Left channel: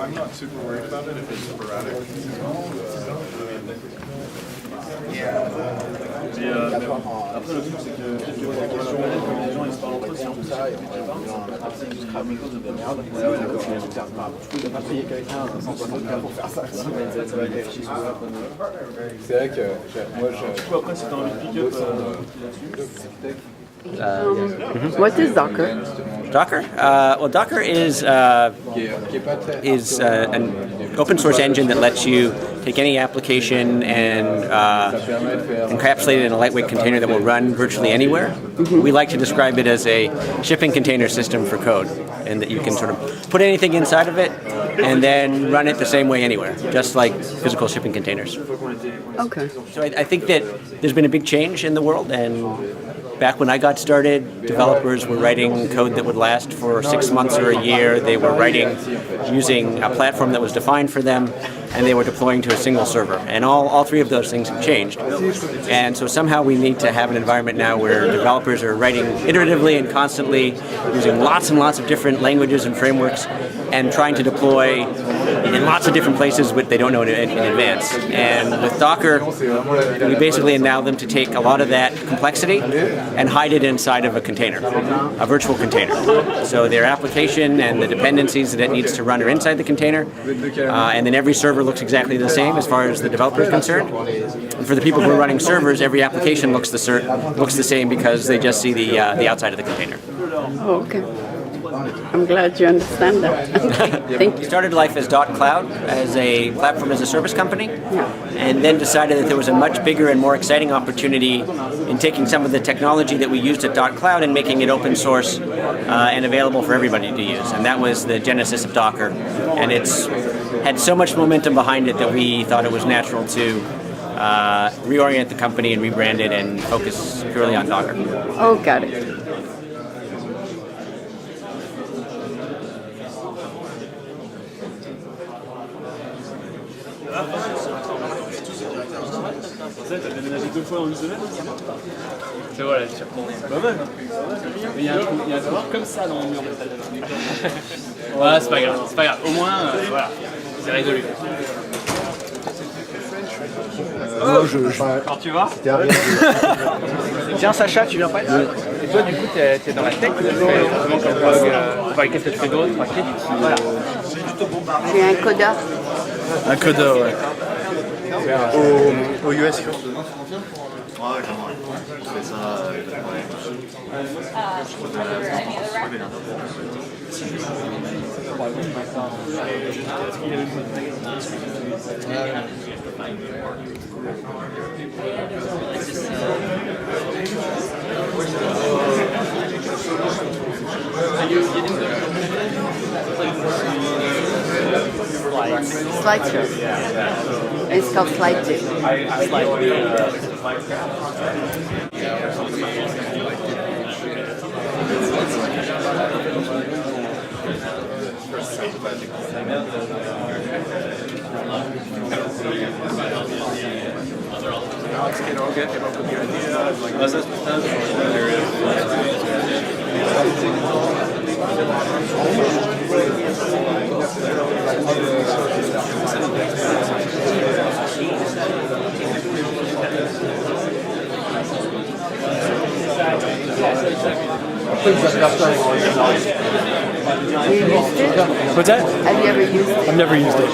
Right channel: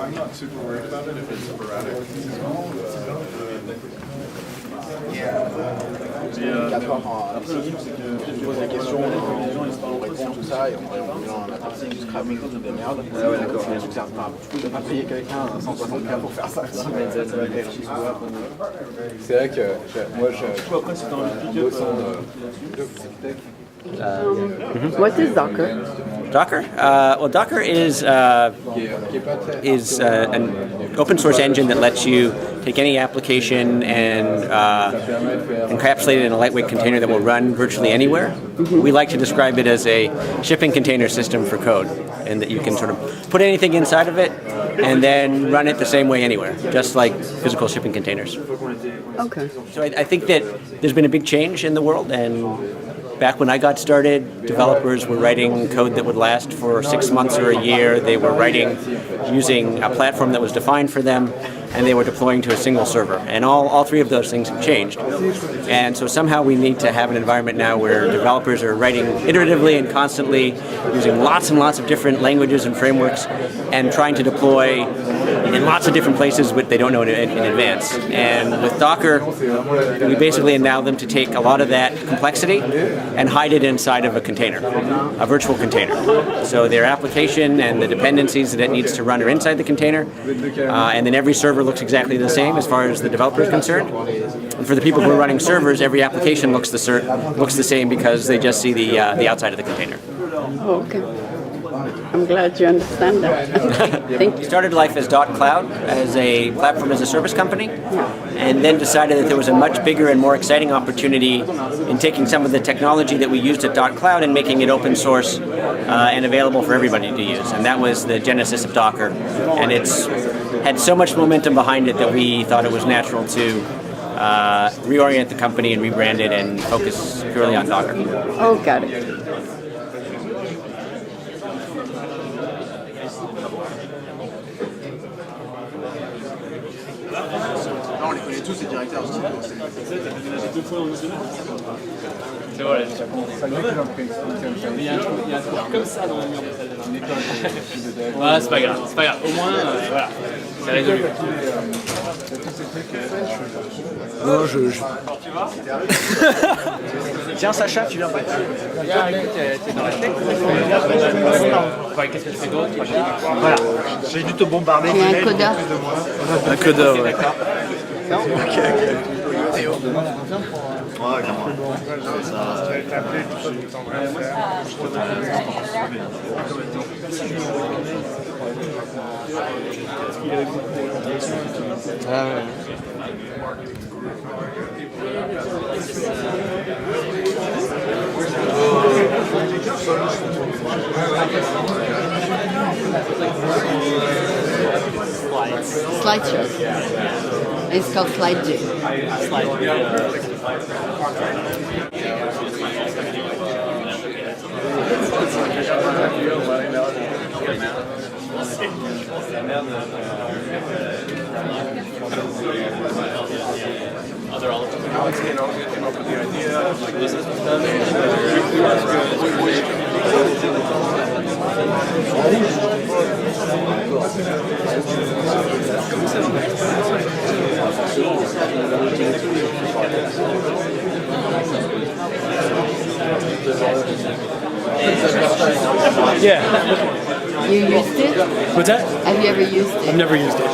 I'm not super worried about it if it's sporadic. Après, le truc, c'est que tu poses la question, les gens ils se parlent entre tout ça, et on a parti du scrapping de merde. Ouais, d'accord. Du coup, t'as pas payé quelqu'un à 160K pour faire ça. C'est vrai que moi, je. Du coup, après, si t'as envie de pick up là-dessus. What is Docker? Docker? Well, Docker is an open source engine that lets you take any application and encapsulate it in a lightweight container that will run virtually anywhere. We like to describe it as a shipping container system for code, and that you can sort of put anything inside of it and then run it the same way anywhere, just like physical shipping containers. Okay. So I think that there's been a big change in the world, and back when I got started, developers were writing code that would last for 6 months or a year. They were writing using a platform that was defined for them, and they were deploying to a single server. And all three of those things have changed. And so somehow we need to have an environment now where developers are writing iteratively and constantly, using lots and lots of different languages and frameworks, and trying to deploy in lots of different places what they don't know in advance. And with Docker, we basically allow them to take a lot of that complexity and hide it inside of a container, a virtual container. So their application and the dependencies that it needs to run are inside the container, and then every server looks exactly the same as far as the developer is concerned. And for the people who are running servers, every application looks the same because they just see the outside of the container. Oh, okay. I'm glad you understand that. Thank you. We started life as .cloud, as a platform as a service company, and then decided that there was a much bigger and more exciting opportunity in taking some of the technology that we used at .cloud and making it open source and available for everybody to use. And that was the genesis of Docker. And it's had so much momentum behind it that we thought it was natural to reorient the company and rebrand it and focus purely on Docker. Oh, got it. On les connaît tous, ces directeurs aussi. T'as déménagé 2 fois en une semaine, c'est bien. C'est voilà, je suis retourné. C'est pas mal. Mais il y a un trou comme ça dans le mur de salle de bain. Ouais, c'est pas grave, c'est pas grave. Au moins, voilà, c'est résolu. Non, je... Alors tu vois Tu es un codeur. Un codeur, ouais. Ouais, clairement. Je fais ça. Slides. Slideshow. It's called slideshow. Slide. Alex came up with the idea of like this is Yeah. Have you used it? What's that? Have you ever used it? I've never used it.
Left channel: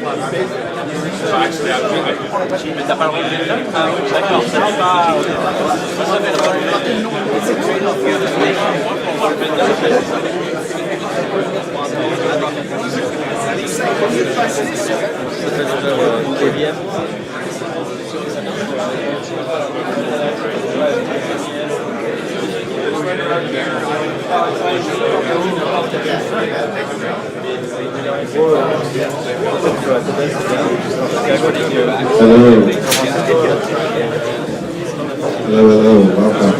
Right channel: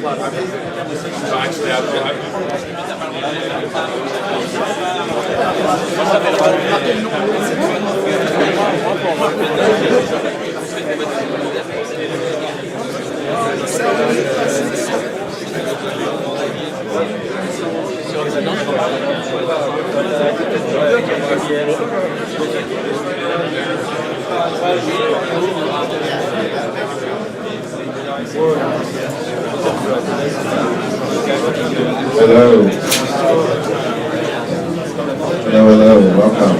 So actually, Hello. Hello, welcome.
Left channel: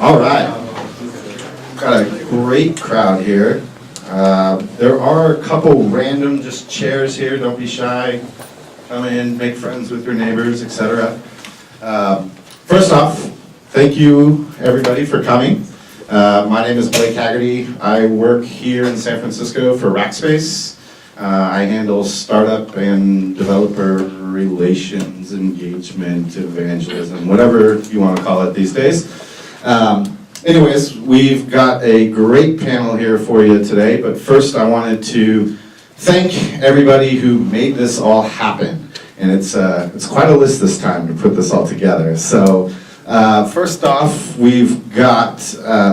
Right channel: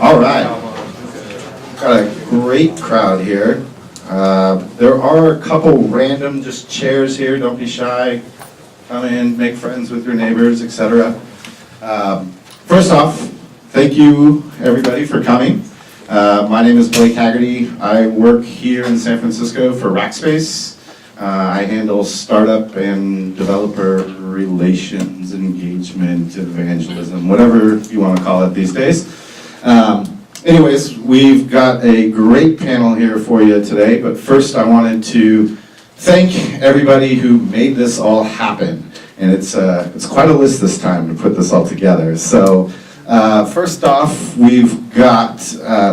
All right. Got a great crowd here. There are a couple random just chairs here. Don't be shy. Come in, make friends with your neighbors, etc. First off, thank you everybody for coming. My name is Blake Haggerty. I work here in San Francisco for Rackspace. I handle startup and developer relations, engagement, evangelism, whatever you want to call it these days. Anyways, we've got a great panel here for you today, but first I wanted to thank everybody who made this all happen. And it's quite a list this time to put this all together. So first off, we've got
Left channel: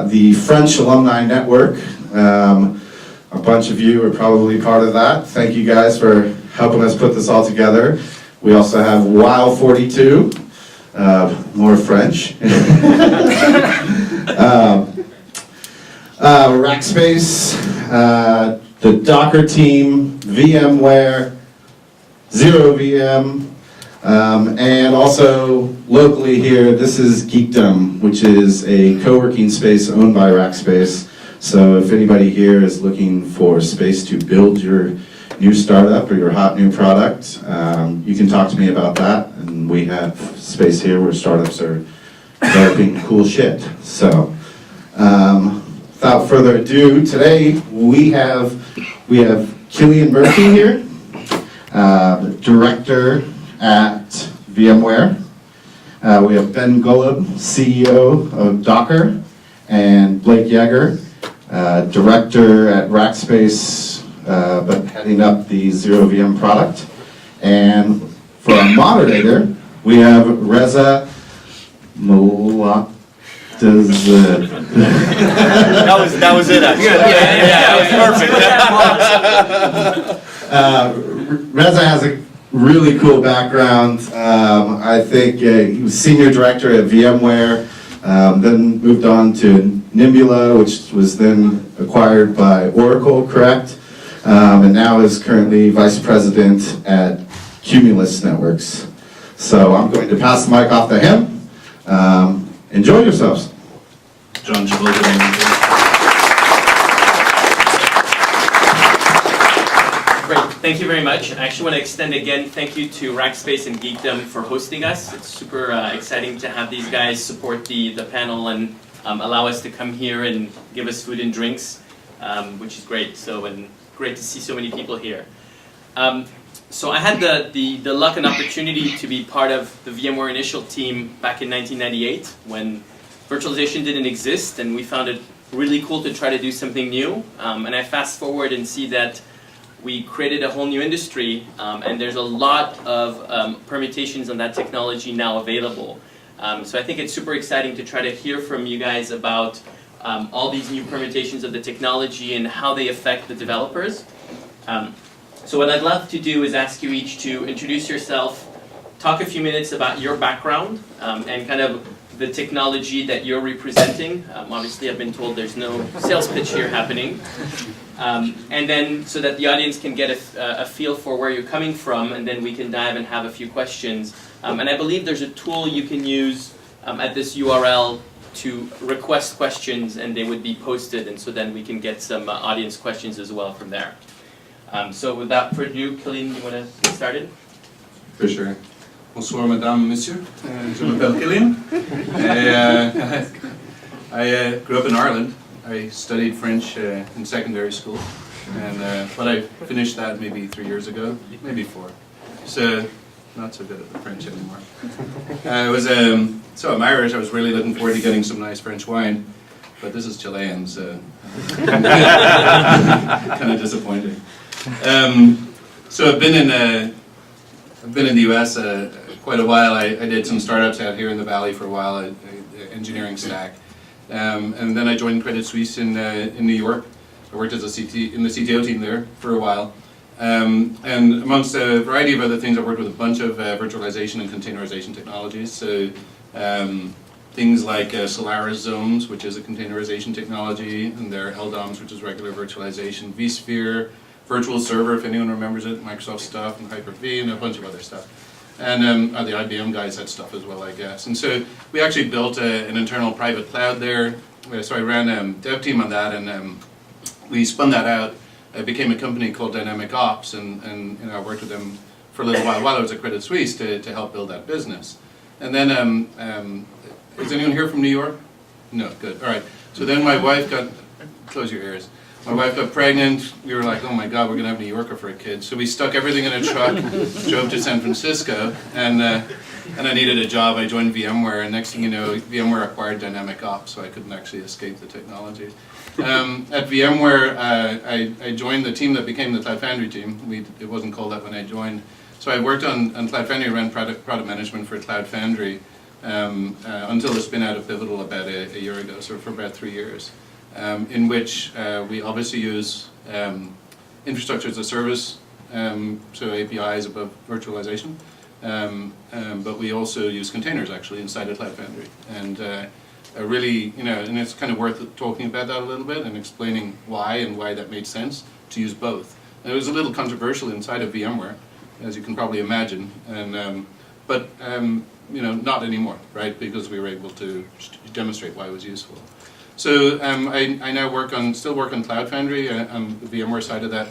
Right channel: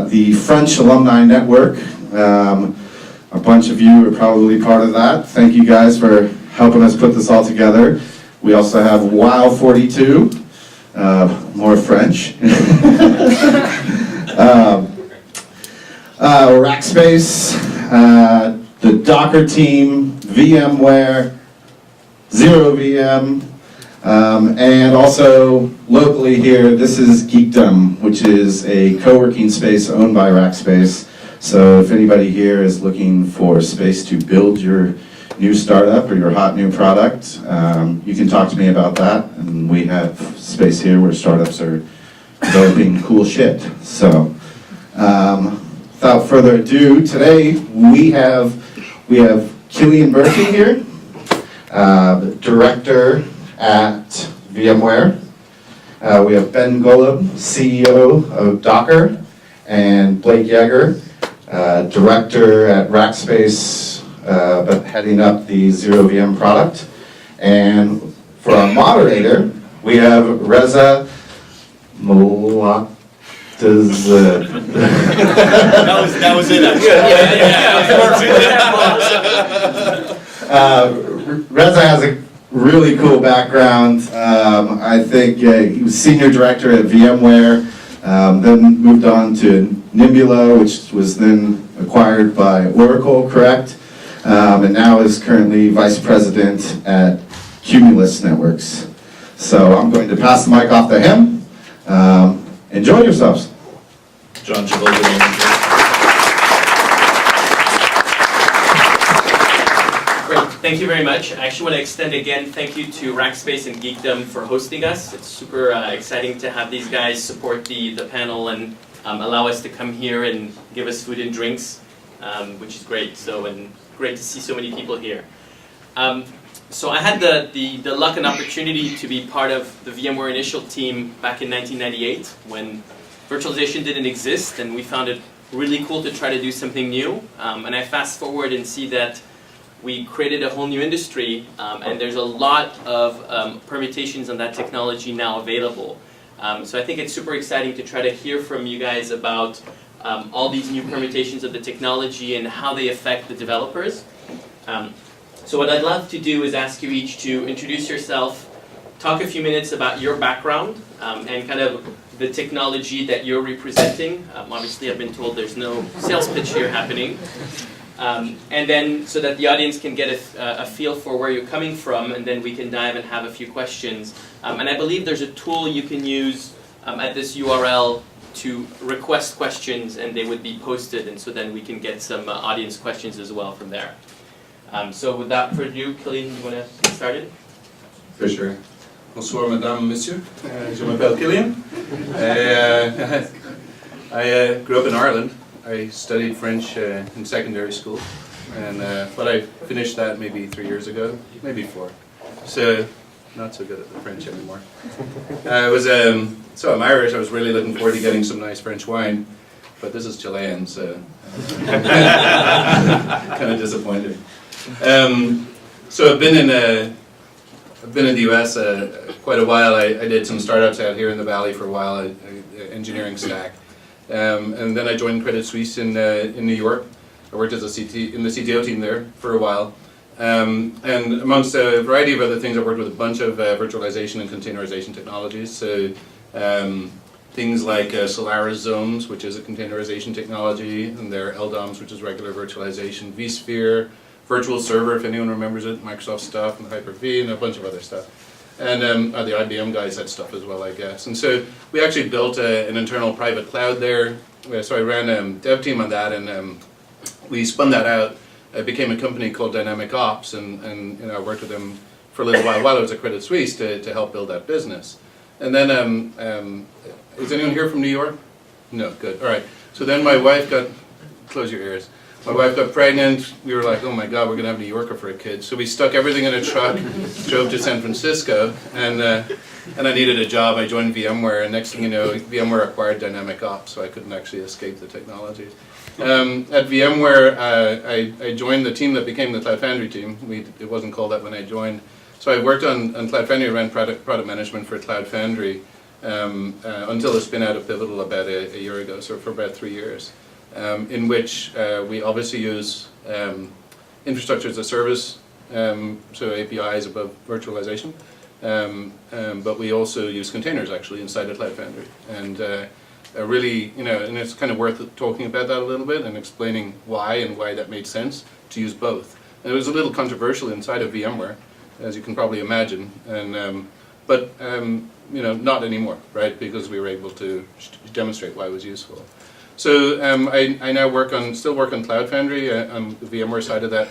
the French Alumni Network. A bunch of you are probably part of that. Thank you guys for helping us put this all together. We also have while42, more French. Rackspace, the Docker team, VMware, ZeroVM, and also locally here, this is Geekdom, which is a co-working space owned by Rackspace. So if anybody here is looking for space to build your new startup or your hot new product, you can talk to me about that. And we have space here where startups are developing cool shit. So without further ado, today we have Killian Murphy here, director at VMware. We have Ben Golub, CEO of Docker, and Blake Yeager, director at Rackspace, but heading up the ZeroVM product. And for our moderator, we have Reza Malekzadeh. That was it. Actually. Yeah, that was perfect. Reza has a really cool background. I think he was senior director at VMware, then moved on to Nimbula, which was then acquired by Oracle, correct? And now is currently vice president at Cumulus Networks. So I'm going to pass the mic off to him. Enjoy yourselves. John Travolta. Great, thank you very much. I actually want to extend again thank you to Rackspace and Geekdom for hosting us. It's super exciting to have these guys support the panel and allow us to come here and give us food and drinks, which is great. So, and great to see so many people here. So I had the luck and opportunity to be part of the VMware initial team back in 1998 when virtualization didn't exist, and we found it really cool to try to do something new. And I fast forward and see that we created a whole new industry, and there's a lot of permutations on that technology now available. So I think it's super exciting to try to hear from you guys about all these new permutations of the technology and how they affect the developers. So what I'd love to do is ask you each to introduce yourself, talk a few minutes about your background, and kind of the technology that you're representing. Obviously, I've been told there's no sales pitch here happening. And then so that the audience can get a feel for where you're coming from, and then we can dive and have a few questions. And I believe there's a tool you can use at this URL to request questions, and they would be posted, and so then we can get some audience questions as well from there. So without further ado, Killian, you want to get started? For sure. Bonsoir, madame, monsieur. Je m'appelle Killian. I grew up in Ireland. I studied French in secondary school, and but I finished that maybe 3 years ago, maybe 4. So not so good at the French anymore. So I'm Irish. I was really looking forward to getting some nice French wine, but this is Chilean, so kind of disappointed. So I've been in the U.S. Quite a while. I did some startups out here in the Valley for a while, engineering stack, and then I joined Credit Suisse in New York. I worked as in the CTO team there for a while, and amongst a variety of other things, I worked with a bunch of virtualization and containerization technologies. So things like Solaris Zones, which is a containerization technology, and their LDOMs, which is regular virtualization, vSphere, Virtual Server, if anyone remembers it, Microsoft stuff, and Hyper-V, and a bunch of other stuff. And the IBM guys had stuff as well, I guess. And so we actually built an internal private cloud there. So I ran a dev team on that, and we spun that out. It became a company called Dynamic Ops, and I worked with them for a little while I was at Credit Suisse to help build that business. And then, is anyone here from New York? No, good. All right. So then my wife got, close your ears. My wife got pregnant. We were like, oh my God, we're going to have a New Yorker for a kid. So we stuck everything in a truck, drove to San Francisco, and I needed a job. I joined VMware, and next thing you know, VMware acquired Dynamic Ops, so I couldn't actually escape the technology. At VMware, I joined the team that became the Cloud Foundry team. It wasn't called that when I joined. So I worked on Cloud Foundry, ran product management for Cloud Foundry until the spin out of Pivotal about a year ago, so for about 3 years, in which we obviously use infrastructure as a service, so APIs above virtualization, but we also use containers actually inside of Cloud Foundry. And really, and it's kind of worth talking about that a little bit and explaining why that made sense to use both. And it was a little controversial inside of VMware, as you can probably imagine, and but not anymore, right? Because we were able to demonstrate why it was useful. So I now still work on Cloud Foundry on the VMware side of that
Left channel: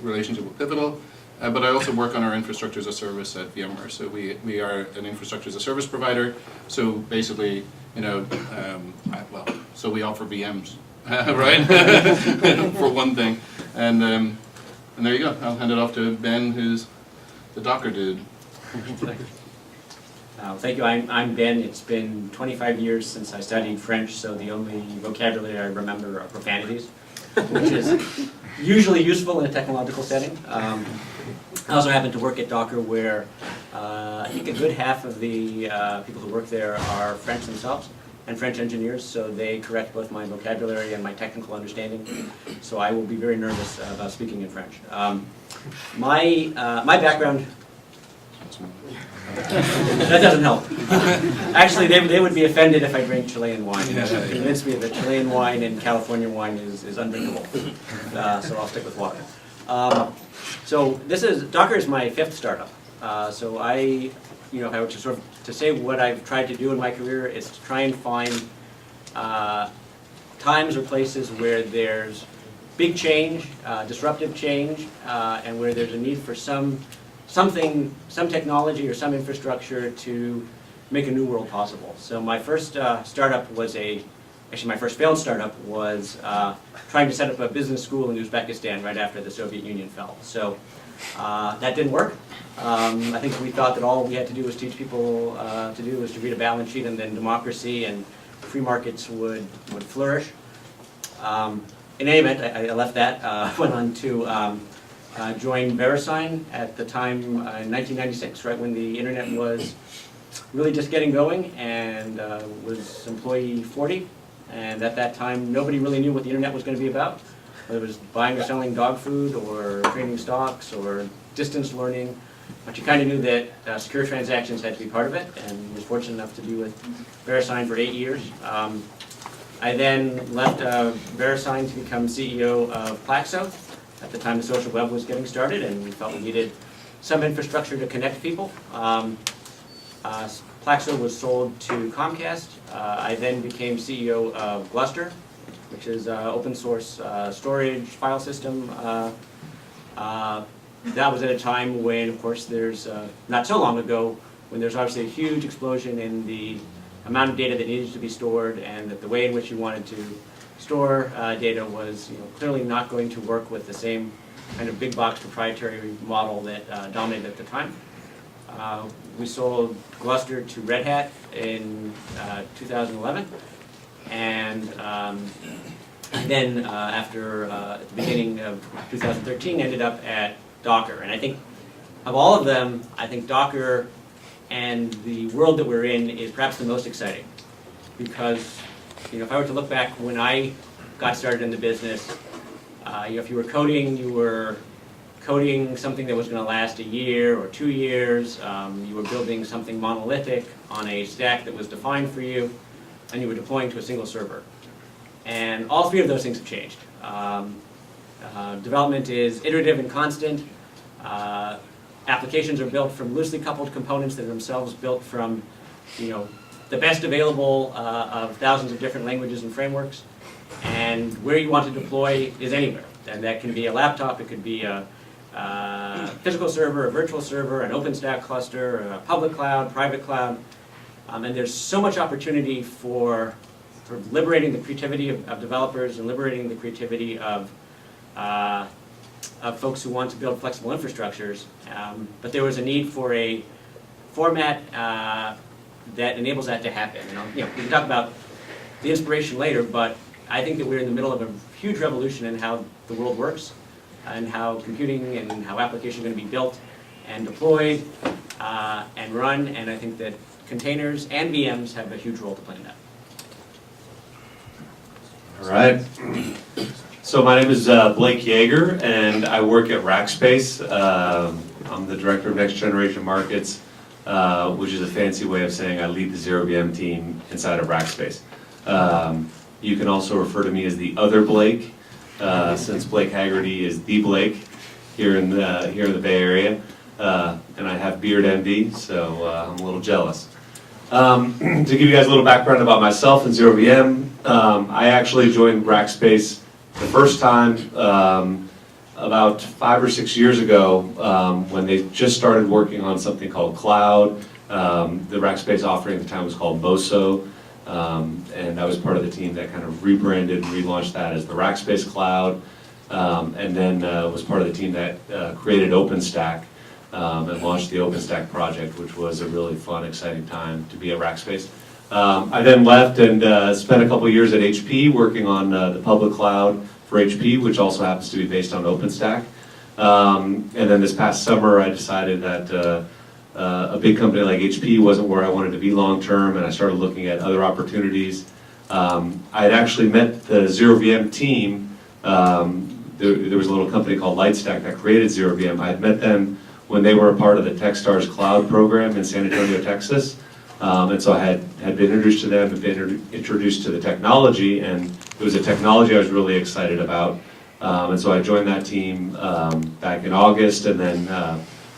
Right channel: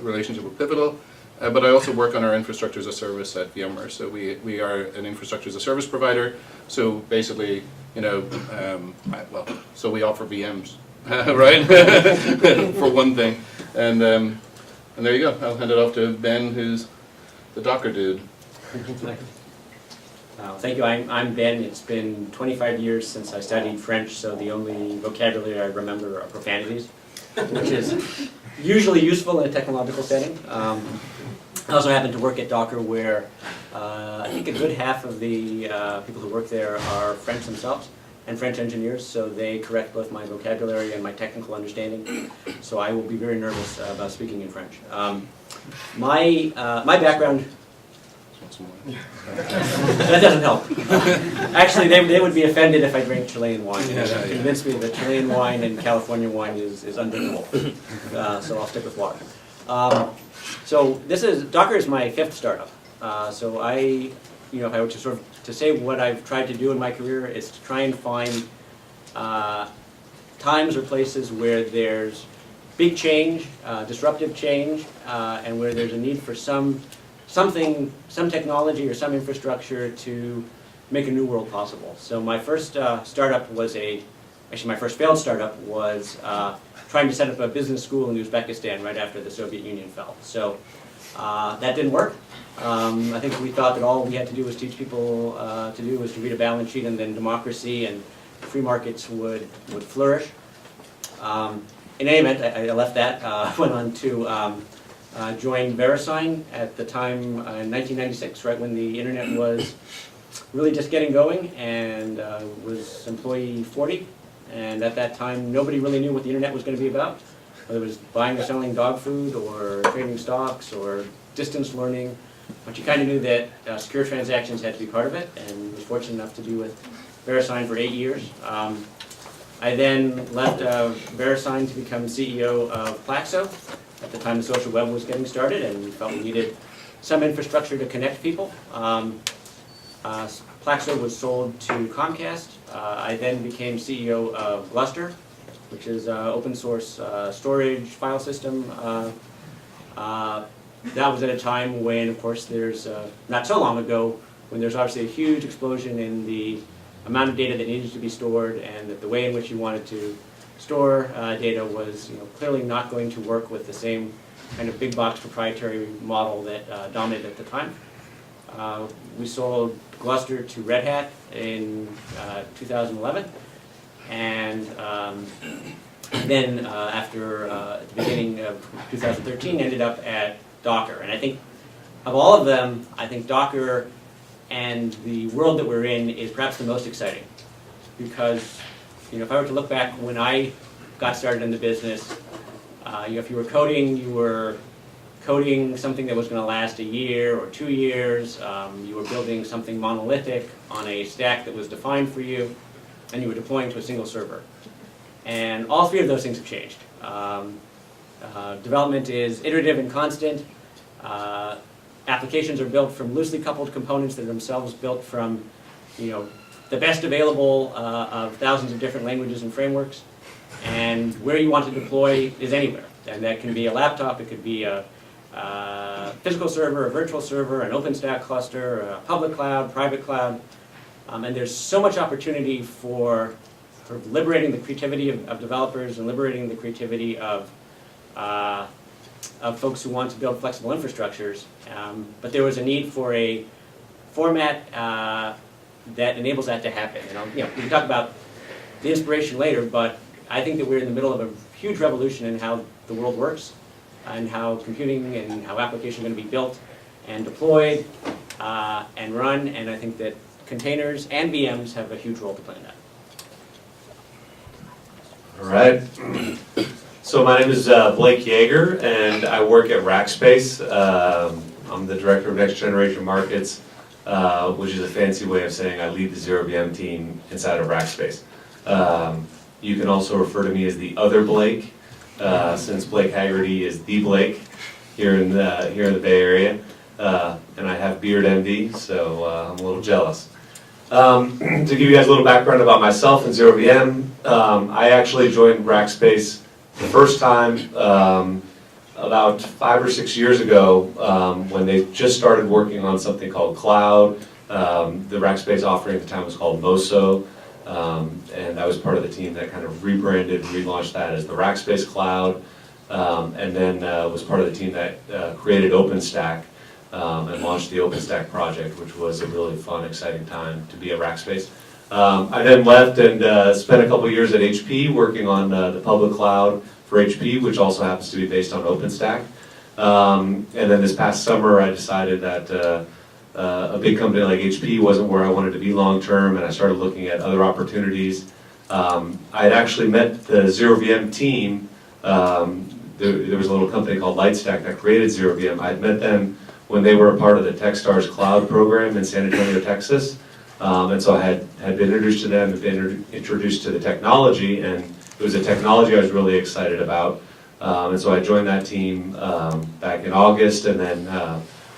relationship with Pivotal, but I also work on our infrastructure as a service at VMware. So we are an infrastructure as a service provider. So basically, so we offer VMs, right? For one thing, and there you go. I'll hand it off to Ben, who's the Docker dude. Thank you. I'm Ben. It's been 25 years since I studied French, so the only vocabulary I remember are profanities, which is usually useful in a technological setting. I also happen to work at Docker, where I think a good half of the people who work there are French themselves and French engineers, so they correct both my vocabulary and my technical understanding. So I will be very nervous about speaking in French. My background. That doesn't help. Actually, they would be offended if I drank Chilean wine. They convinced me that Chilean wine and California wine is undrinkable. So I'll stick with water. So Docker is my 5th startup. So if I were to say what I've tried to do in my career, it's to try and find times or places where there's big change, disruptive change, and where there's a need for some technology or some infrastructure to make a new world possible. So my first startup was my first failed startup was trying to set up a business school in Uzbekistan right after the Soviet Union fell. So that didn't work. I think we thought that all we had to do was teach people to read a balance sheet, and then democracy and free markets would flourish. In any event, I left that, went on to joined VeriSign at the time in 1996, right when the internet was really just getting going, and was employee 40. And at that time, nobody really knew what the internet was going to be about, whether it was buying or selling dog food, or trading stocks, or distance learning. But you kind of knew that secure transactions had to be part of it, and was fortunate enough to be with VeriSign for 8 years. I then left VeriSign to become CEO of Plaxo. At the time, the social web was getting started, and we felt we needed some infrastructure to connect people. Plaxo was sold to Comcast. I then became CEO of Gluster, which is open source storage file system. That was at a time when, of course, there's not so long ago, when there's obviously a huge explosion in the amount of data that needed to be stored, and that the way in which you wanted to store data was clearly not going to work with the same kind of big box proprietary model that dominated at the time. We sold Gluster to Red Hat in 2011, and then after at the beginning of 2013 ended up at Docker. And I think of all of them, I think Docker and the world that we're in is perhaps the most exciting, because if I were to look back when I got started in the business, if you were coding something that was going to last a year or 2 years, you were building something monolithic on a stack that was defined for you, and you were deploying to a single server. And all 3 of those things have changed. Development is iterative and constant. Applications are built from loosely coupled components that are themselves built from the best available of thousands of different languages and frameworks. and where you want to deploy is anywhere. And that can be a laptop, it could be a physical server, a virtual server, an OpenStack cluster, a public cloud, private cloud. And there's so much opportunity for sort of liberating the creativity of developers and liberating the creativity of folks who want to build flexible infrastructures. But there was a need for a format that enables that to happen. We can talk about the inspiration later, but I think that we're in the middle of a huge revolution in how the world works and how computing and how applications are going to be built and deployed and run, and I think that containers and VMs have a huge role to play in that. All right. So my name is Blake Yeager, and I work at Rackspace. I'm the director of Next Generation Markets, which is a fancy way of saying I lead the ZeroVM team inside of Rackspace. You can also refer to me as the other Blake, since Blake Haggerty is the Blake here in the Bay Area, and I have beard envy, so I'm a little jealous. To give you guys a little background about myself and ZeroVM, I actually joined Rackspace the first time about 5 or 6 years ago when they just started working on something called Cloud. The Rackspace offering at the time was called Moso, and I was part of the team that kind of rebranded and relaunched that as the Rackspace Cloud, and then was part of the team that created OpenStack and launched the OpenStack project, which was a really fun, exciting time to be at Rackspace. I then left and spent a couple years at HP working on the public cloud for HP, which also happens to be based on OpenStack. And then this past summer, I decided that a big company like HP wasn't where I wanted to be long term, and I started looking at other opportunities. I had actually met the ZeroVM team. There was a little company called Lightstack that created ZeroVM. I had met them when they were a part of the Techstars Cloud program in San Antonio, Texas. And so I had been introduced to them, had been introduced to the technology, and it was a technology I was really excited about. And so I joined that team back in August, and then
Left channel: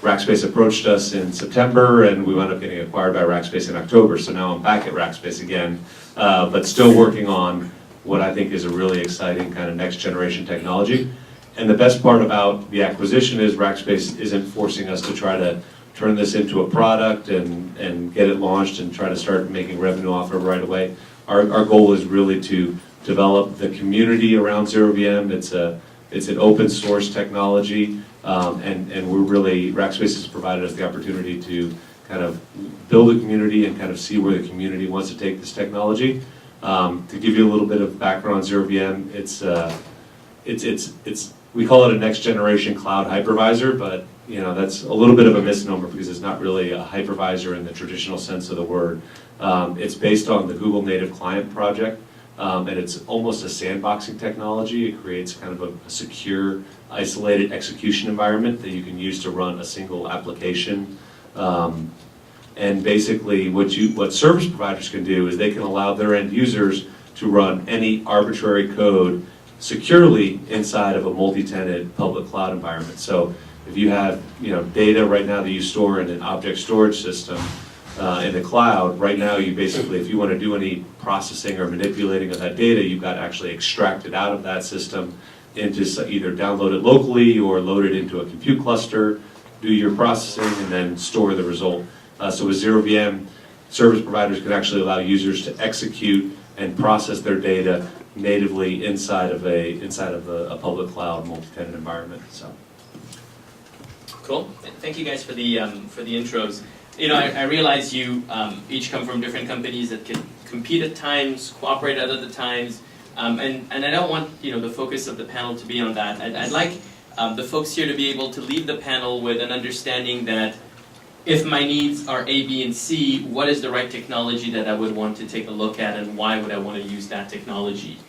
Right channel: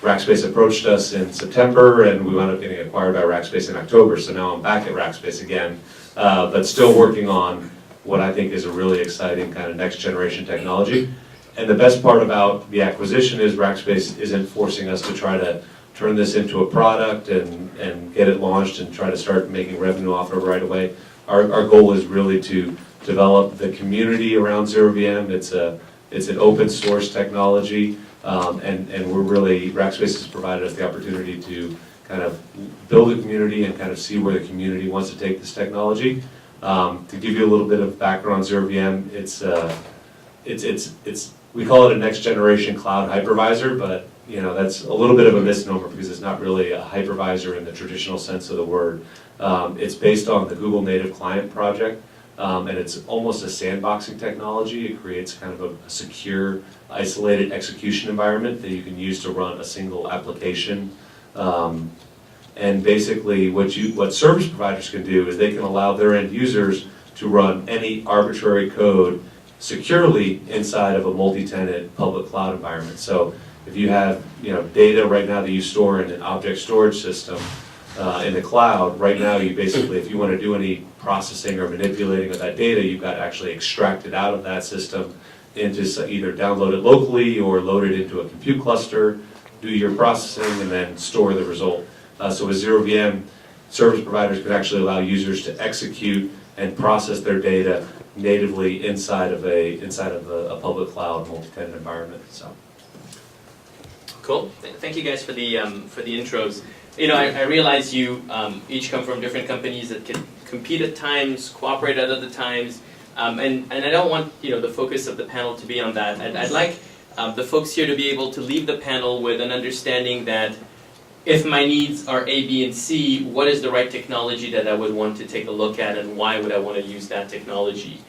Rackspace approached us in September, and we wound up getting acquired by Rackspace in October. So now I'm back at Rackspace again, but still working on what I think is a really exciting kind of next generation technology. And the best part about the acquisition is Rackspace isn't forcing us to try to turn this into a product and get it launched and try to start making revenue off of it right away. Our goal is really to develop the community around ZeroVM. It's an open source technology, and we're really, Rackspace has provided us the opportunity to kind of build a community and kind of see where the community wants to take this technology. To give you a little bit of background on ZeroVM, we call it a next generation cloud hypervisor, but that's a little bit of a misnomer because it's not really a hypervisor in the traditional sense of the word. It's based on the Google Native Client project, and it's almost a sandboxing technology. It creates kind of a secure, isolated execution environment that you can use to run a single application. And basically what service providers can do is they can allow their end users to run any arbitrary code securely inside of a multi-tenant public cloud environment. So if you have data right now that you store in an object storage system in the cloud, right now you basically, if you want to do any processing or manipulating of that data, you've got to actually extract it out of that system into either download it locally or load it into a compute cluster, do your processing, and then store the result. So with ZeroVM, service providers can actually allow users to execute and process their data natively inside of a public cloud multi-tenant environment. So. Cool. Thank you guys for the intros. I realize you each come from different companies that can compete at times, cooperate at other times, and I don't want the focus of the panel to be on that. I'd like the folks here to be able to leave the panel with an understanding that if my needs are A, B, and C, what is the right technology that I would want to take a look at, and why would I want to use that technology?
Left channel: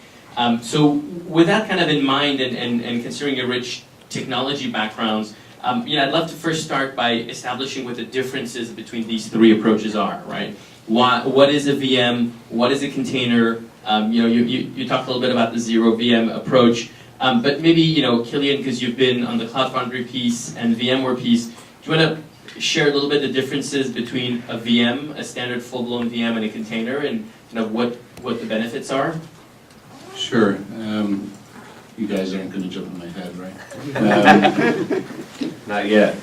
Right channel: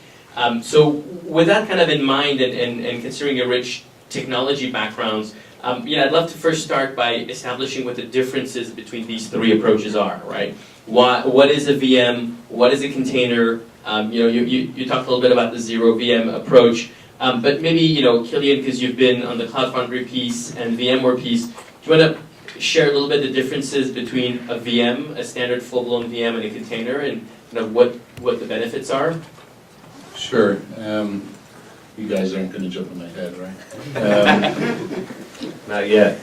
So with that kind of in mind, and considering your rich technology backgrounds, I'd love to first start by establishing what the differences between these three approaches are, right? What is a VM? What is a container? You talked a little bit about the ZeroVM approach, but maybe, Killian, because you've been on the Cloud Foundry piece and VMware piece, do you want to share a little bit the differences between a VM, a standard full-blown VM, and a container, and what the benefits are? Sure. You guys aren't going to jump in my head, right? Not yet.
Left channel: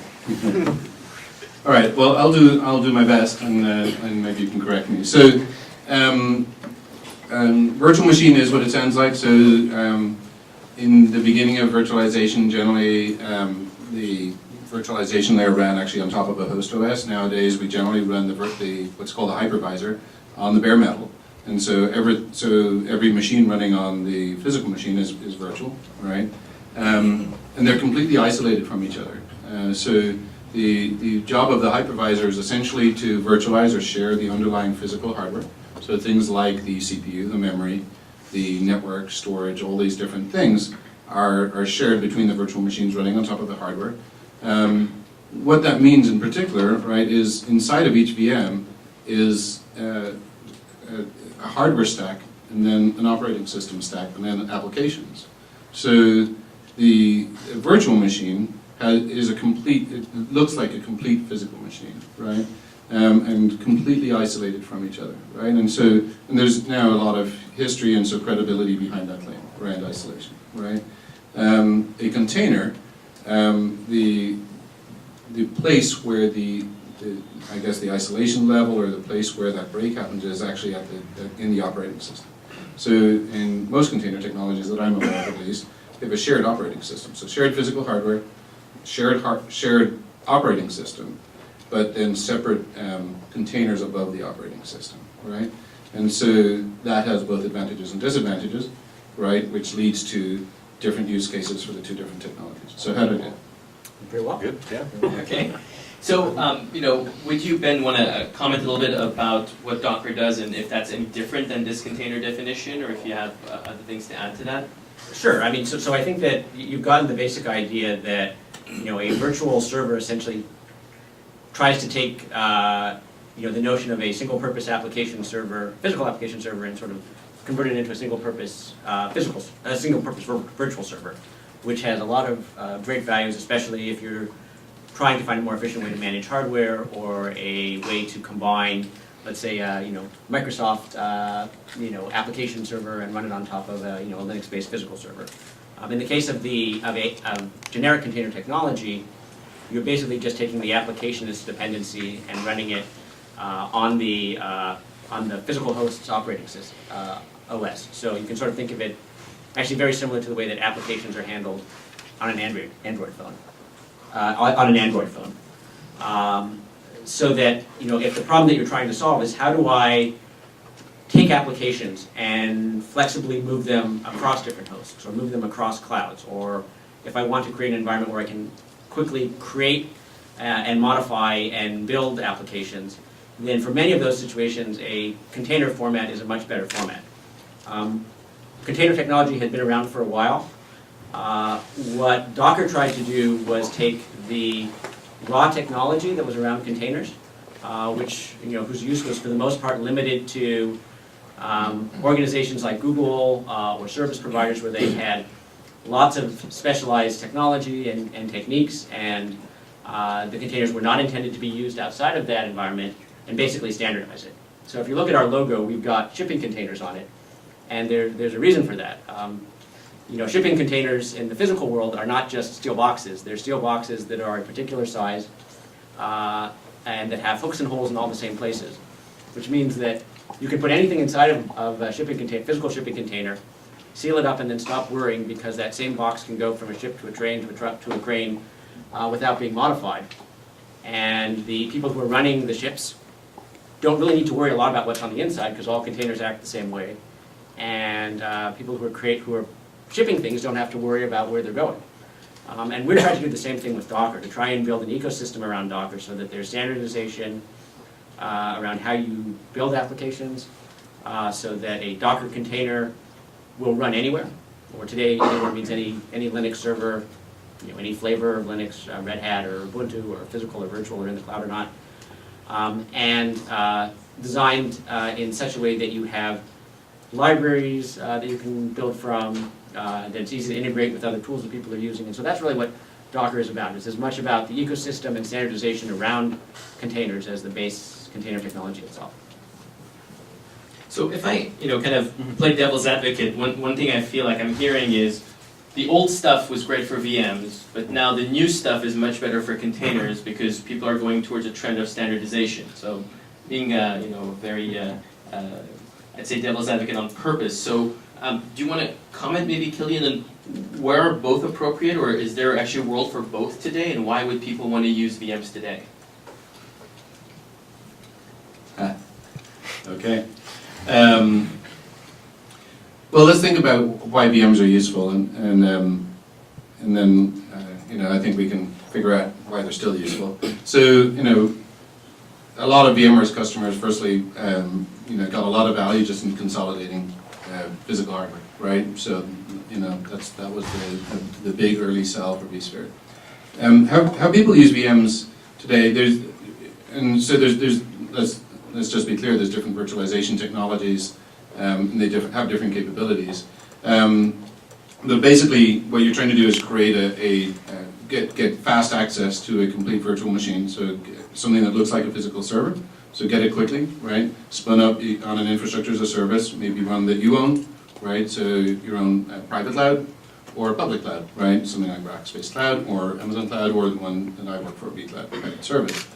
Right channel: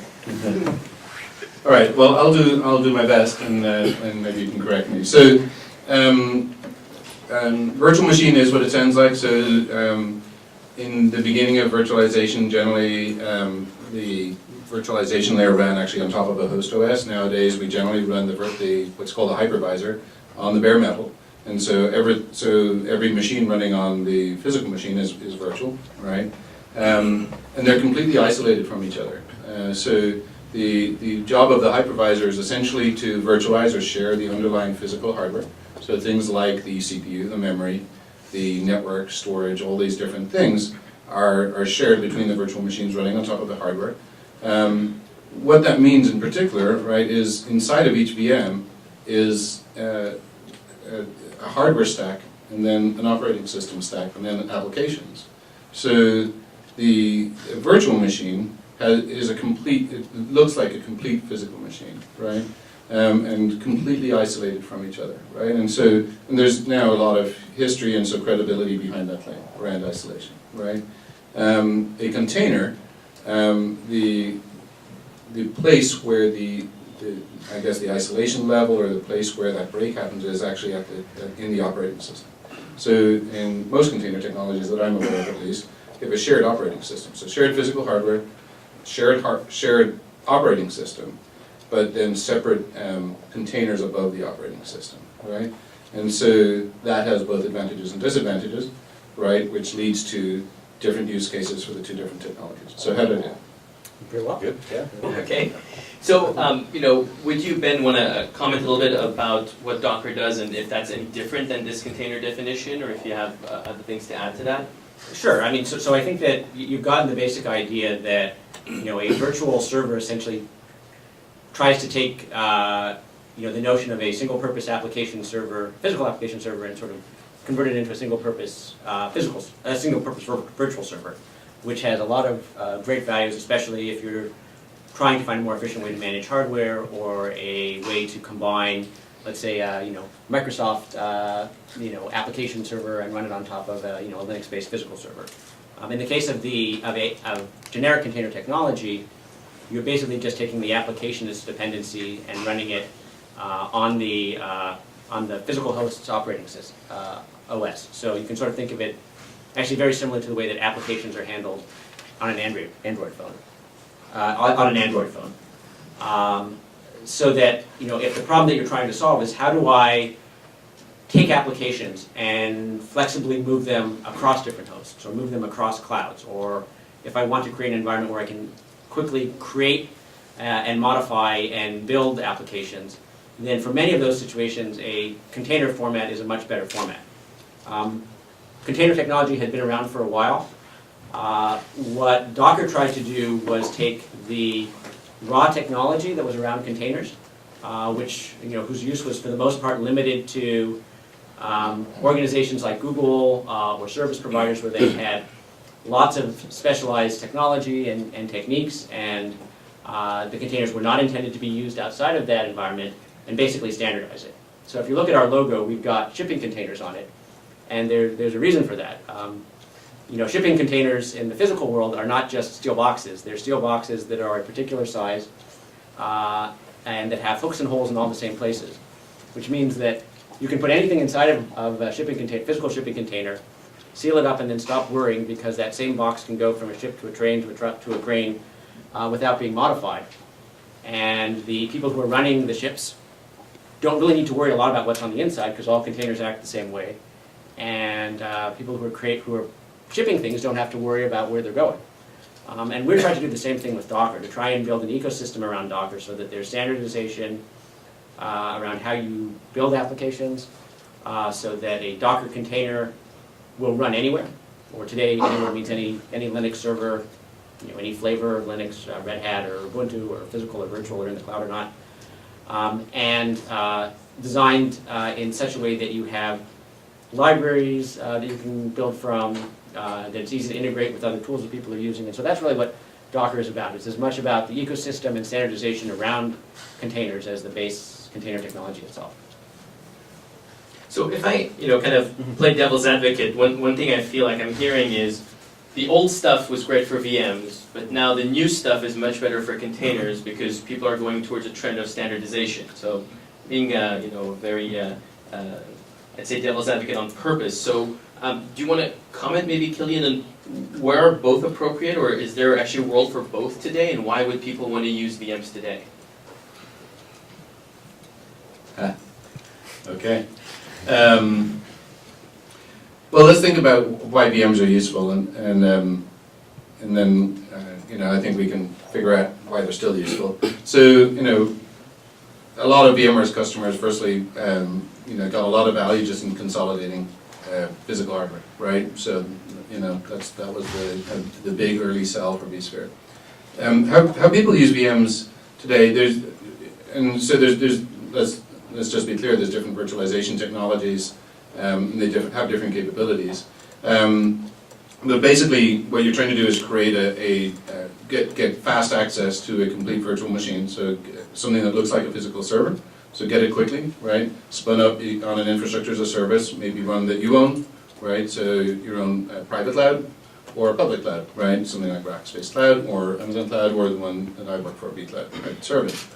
All right. Well, I'll do my best, and maybe you can correct me. So, virtual machine is what it sounds like. So, in the beginning of virtualization, generally the virtualization layer ran actually on top of a host OS. Nowadays, we generally run what's called a hypervisor on the bare metal. And so every machine running on the physical machine is virtual, right? And they're completely isolated from each other. So the job of the hypervisor is essentially to virtualize or share the underlying physical hardware. So things like the CPU, the memory, the network, storage, all these different things are shared between the virtual machines running on top of the hardware. What that means in particular, right, is inside of each VM is a hardware stack, and then an operating system stack, and then applications. So the virtual machine it looks like a complete physical machine, right? And completely isolated from each other, right? And there's now a lot of history and so credibility behind that claim around isolation, right? A container, the place where I guess the isolation level or the place where that break happens is actually in the operating system. So in most container technologies that I'm aware of at least, you have a shared operating system. So shared physical hardware, shared operating system, but then separate containers above the operating system, right? And so that has both advantages and disadvantages, right? Which leads to different use cases for the two different technologies. So how did it? Very well. Good, yeah. Okay. So, would you, Ben, want to comment a little bit about what Docker does and if that's any different than this container definition, or if you have other things to add to that? Sure. I mean, so I think that you've gotten the basic idea that a virtual server essentially tries to take the notion of a single-purpose application server, physical application server, and sort of convert it into a single-purpose virtual server, which has a lot of great values, especially if you're trying to find a more efficient way to manage hardware or a way to combine, let's say, Microsoft, application server and run it on top of a Linux-based physical server. In the case of generic container technology, you're basically just taking the applicationist dependency and running it on the physical host's operating system, OS. So you can sort of think of it actually very similar to the way that applications are handled on an Android phone. So that if the problem that you're trying to solve is how do I take applications and flexibly move them across different hosts or move them across clouds, or if I want to create an environment where I can quickly create and modify and build applications, then for many of those situations a container format is a much better format. Container technology had been around for a while. What Docker tried to do was take the raw technology that was around containers, whose use was for the most part limited to organizations like Google or service providers where they had lots of specialized technology and techniques, and the containers were not intended to be used outside of that environment, and basically standardize it. So if you look at our logo, we've got shipping containers on it, and there's a reason for that. Shipping containers in the physical world are not just steel boxes. They're steel boxes that are a particular size and that have hooks and holes in all the same places, which means that you can put anything inside of a physical shipping container, seal it up, and then stop worrying because that same box can go from a ship to a train to a truck to a crane without being modified. And the people who are running the ships don't really need to worry a lot about what's on the inside because all containers act the same way. And people who are shipping things don't have to worry about where they're going. And we're trying to do the same thing with Docker, to try and build an ecosystem around Docker so that there's standardization around how you build applications, so that a Docker container will run anywhere, or today anywhere means any Linux server, any flavor of Linux, Red Hat or Ubuntu, or physical or virtual or in the cloud or not, and designed in such a way that you have libraries that you can build from, that it's easy to integrate with other tools that people are using. And so that's really what Docker is about. It's as much about the ecosystem and standardization around containers as the base container technology itself. So if I, kind of play devil's advocate, one thing I feel like I'm hearing is the old stuff was great for VMs, but now the new stuff is much better for containers because people are going towards a trend of standardization. So being, very, I'd say devil's advocate on purpose. So do you want to comment maybe, Killian, on where are both appropriate, or is there actually a world for both today, and why would people want to use VMs today? Okay. Well, let's think about why VMs are useful, and then I think we can figure out why they're still useful. So a lot of VMware's customers, firstly, got a lot of value just in consolidating physical hardware, right? So that was the big early sell for vSphere. How people use VMs today? Let's just be clear. There's different virtualization technologies. And they have different capabilities. But basically, what you're trying to do is create get fast access to a complete virtual machine. So something that looks like a physical server. So get it quickly, right? Spun up on an infrastructure as a service, maybe one that you own, right? So your own private cloud or public cloud, right? Something like Rackspace Cloud or Amazon Cloud or the one that I work for, vCloud, private service.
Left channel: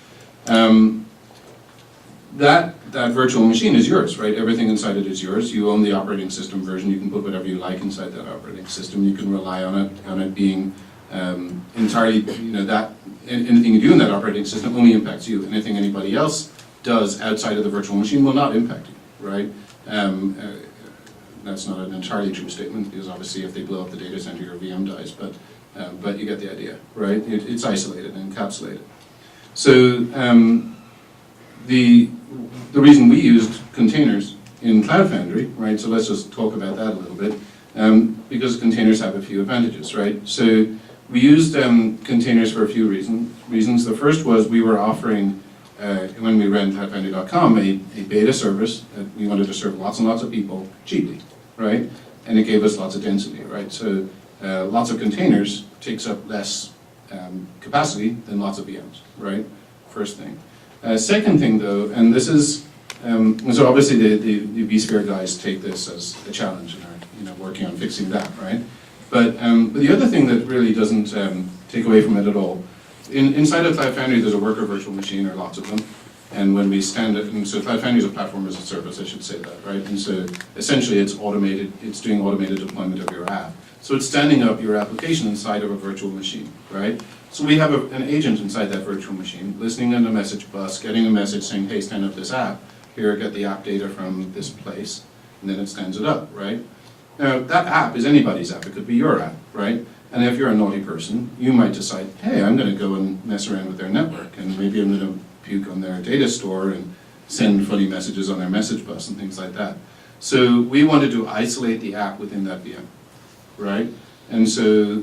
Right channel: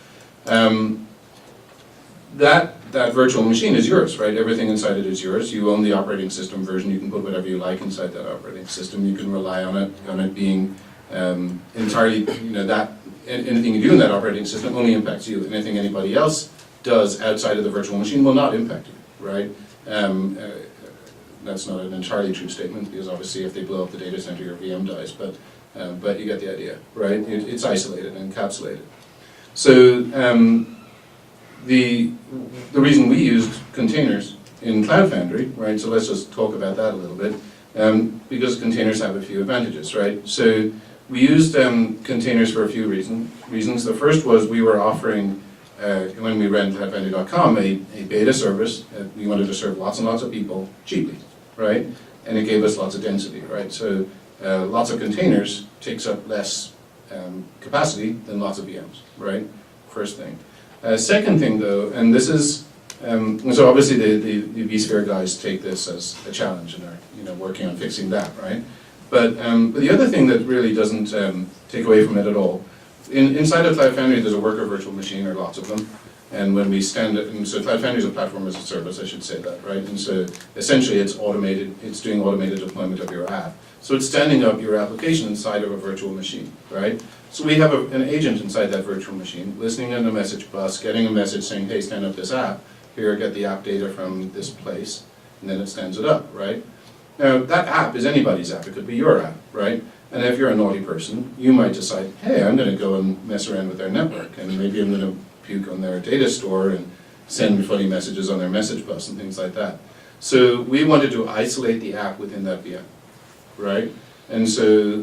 That virtual machine is yours, right? Everything inside it is yours. You own the operating system version. You can put whatever you like inside that operating system. You can rely on it being entirely, anything you do in that operating system only impacts you. Anything anybody else does outside of the virtual machine will not impact you, right? That's not an entirely true statement, because obviously if they blow up the data center, your VM dies, but you get the idea, right? It's isolated and encapsulated. So the reason we used containers in Cloud Foundry, right? So let's just talk about that a little bit, because containers have a few advantages, right? So we used containers for a few reasons. The first was we were offering, when we ran cloudfoundry.com, a beta service. We wanted to serve lots and lots of people cheaply, right? And it gave us lots of density, right? So lots of containers takes up less capacity than lots of VMs, right? First thing. Second thing, though, and this is, so obviously the vSphere guys take this as a challenge and are working on fixing that, right? But the other thing that really doesn't take away from it at all, inside of Cloud Foundry there's a worker virtual machine, or lots of them, and when we stand it, and so Cloud Foundry is a platform as a service, I should say that, right? And so essentially it's automated, it's doing automated deployment of your app. So it's standing up your application inside of a virtual machine, right? So we have an agent inside that virtual machine, listening in a message bus, getting a message saying, hey, stand up this app, here, get the app data from this place, and then it stands it up, right? Now, that app is anybody's app, it could be your app, right? And if you're a naughty person, you might decide, hey, I'm gonna go and mess around with their network, and maybe I'm gonna puke on their data store and send funny messages on their message bus and things like that. So we wanted to isolate the app within that VM, right? And so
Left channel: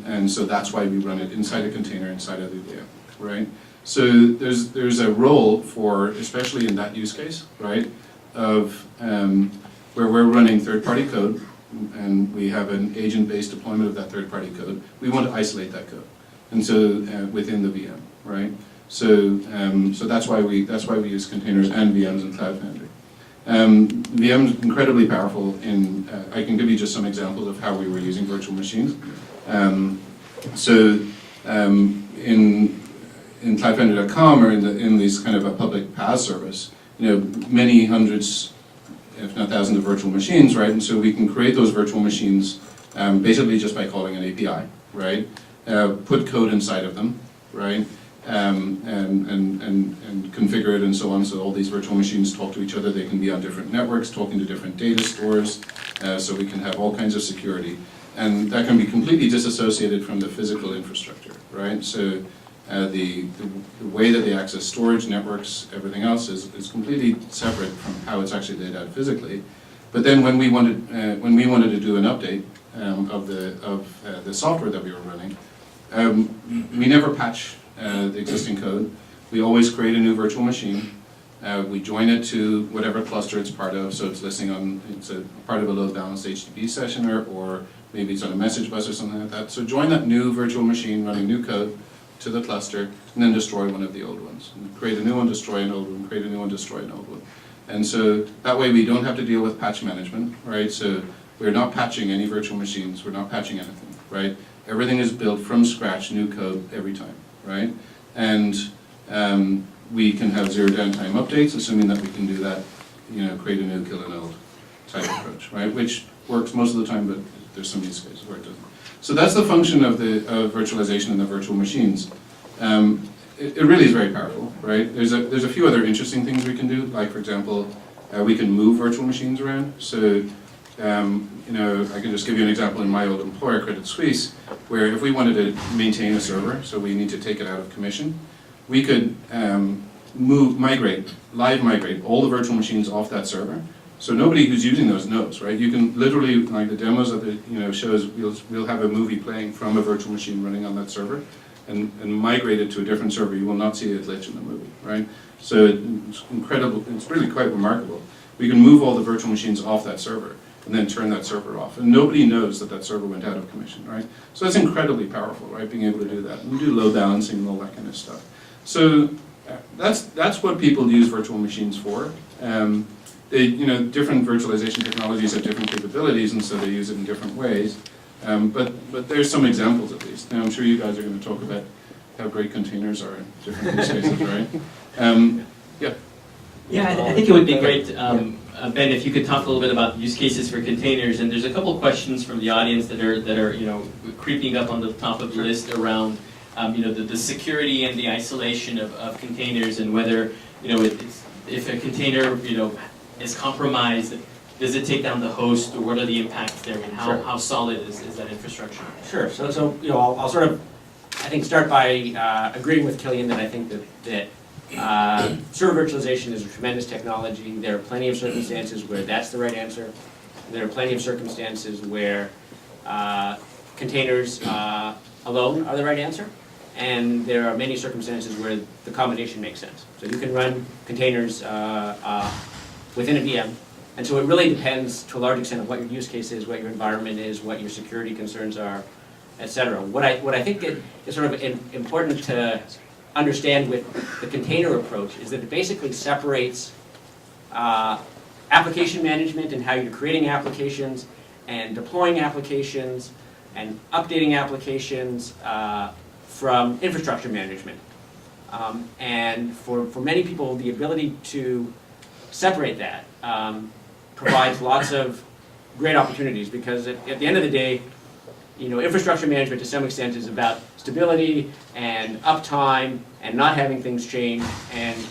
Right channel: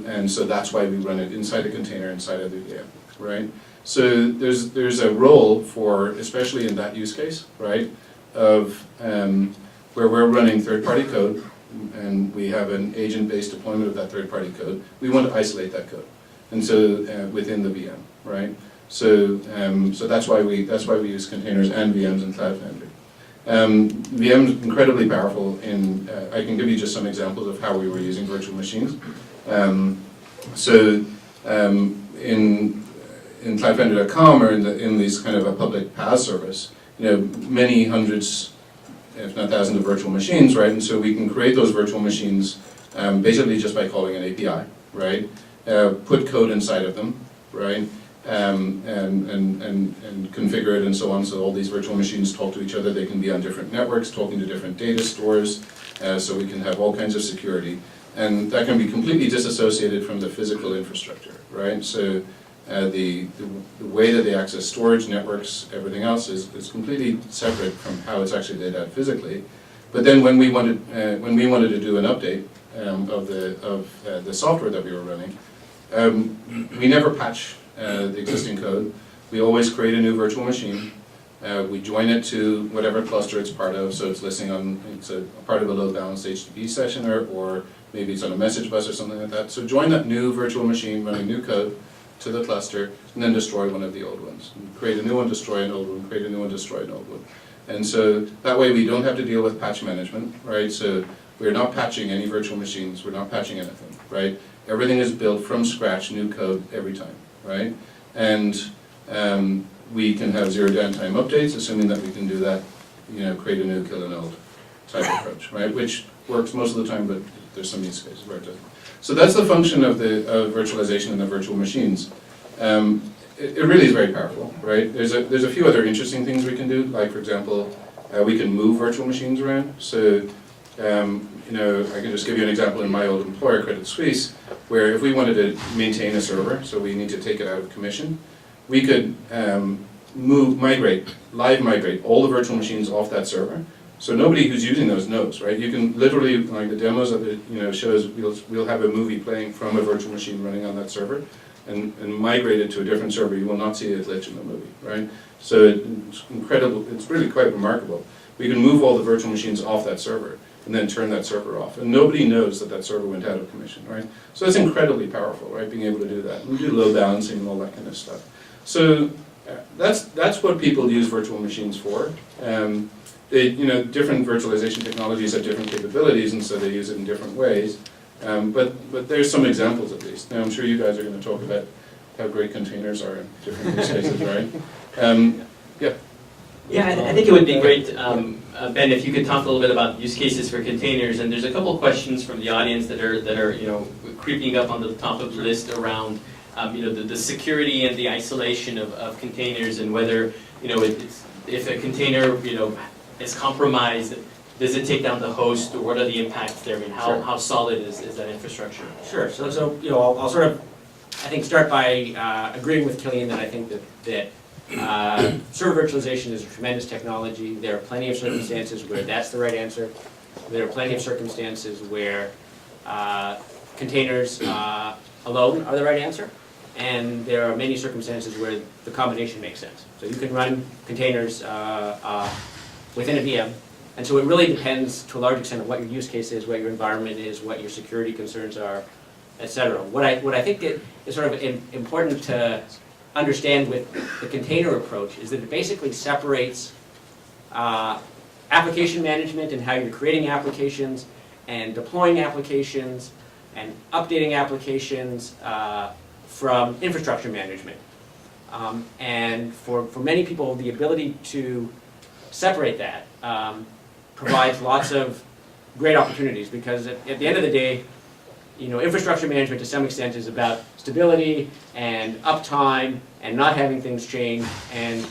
that's why we run it inside a container, inside of the VM, right? So there's a role for, especially in that use case, right, of where we're running third-party code, and we have an agent-based deployment of that third-party code. We want to isolate that code, and so within the VM, right? So that's why we use containers and VMs in Cloud Foundry. VM's incredibly powerful in, I can give you just some examples of how we were using virtual machines. In cloudfoundry.com, or in these kind of a public PaaS service, many hundreds, if not thousands of virtual machines, right? And so we can create those virtual machines basically just by calling an API, right? Put code inside of them, right? And configure it and so on, so all these virtual machines talk to each other. They can be on different networks, talking to different data stores, so we can have all kinds of security. And that can be completely disassociated from the physical infrastructure, right? So the way that they access storage, networks, everything else is completely separate from how it's actually laid out physically. But then when we wanted to do an update of the software that we were running, we never patch the existing code. We always create a new virtual machine. We join it to whatever cluster it's part of, so it's listening on, it's a part of a load balanced HTTP session, or maybe it's on a message bus or something like that. So join that new virtual machine running new code to the cluster, and then destroy one of the old ones. And create a new one, destroy an old one, create a new one, destroy an old one. And so that way we don't have to deal with patch management, right? So we're not patching any virtual machines, we're not patching anything, right? Everything is built from scratch, new code every time, right? And we can have zero downtime updates, assuming that we can do that, you know, create a new, kill an old type approach, right? Which works most of the time, but there's some use cases where it doesn't. So that's the function of the virtualization and the virtual machines. It really is very powerful, right? There's a few other interesting things we can do, like for example, we can move virtual machines around. So, you know, I can just give you an example in my old employer, Credit Suisse, where if we wanted to maintain a server, so we need to take it out of commission, we could live migrate all the virtual machines off that server. So nobody who's using those knows, right? You can literally, like the demos of the, you know, shows, we'll have a movie playing from a virtual machine running on that server, and migrate it to a different server. You will not see a glitch in the movie, right? So it's incredible, it's really quite remarkable. We can move all the virtual machines off that server and then turn that server off. And nobody knows that that server went out of commission, right? So that's incredibly powerful, right, being able to do that. And we do load balancing and all that kind of stuff. So that's what people use virtual machines for. You know, different virtualization technologies have different capabilities, and so they use it in different ways. But there's some examples at least. Now, I'm sure you guys are going to talk about how great containers are in different use cases, right? Yeah. Yeah, I think it would be great, Ben, if you could talk a little bit about use cases for containers. And there's a couple of questions from the audience that are you know, creeping up on the top of the list around you know, the security and the isolation of containers, and whether, you know, if a container, you know, is compromised, does it take down the host, or what are the impacts there? I mean, how solid is that infrastructure? Sure. So you know, I'll sort of, I think, start by agreeing with Killian that I think that server virtualization is a tremendous technology. There are plenty of circumstances where that's the right answer. There are plenty of circumstances where containers alone are the right answer. And there are many circumstances where the combination makes sense. So you can run containers within a VM. And so it really depends to a large extent of what your use case is, what your environment is, what your security concerns are, et cetera. What I think is sort of important to understand with the container approach is that it basically separates application management and how you're creating applications and deploying applications and updating applications from infrastructure management. And for many people, the ability to separate that provides lots of great opportunities, because at the end of the day, you know, infrastructure management to some extent is about stability and uptime and not having things change, and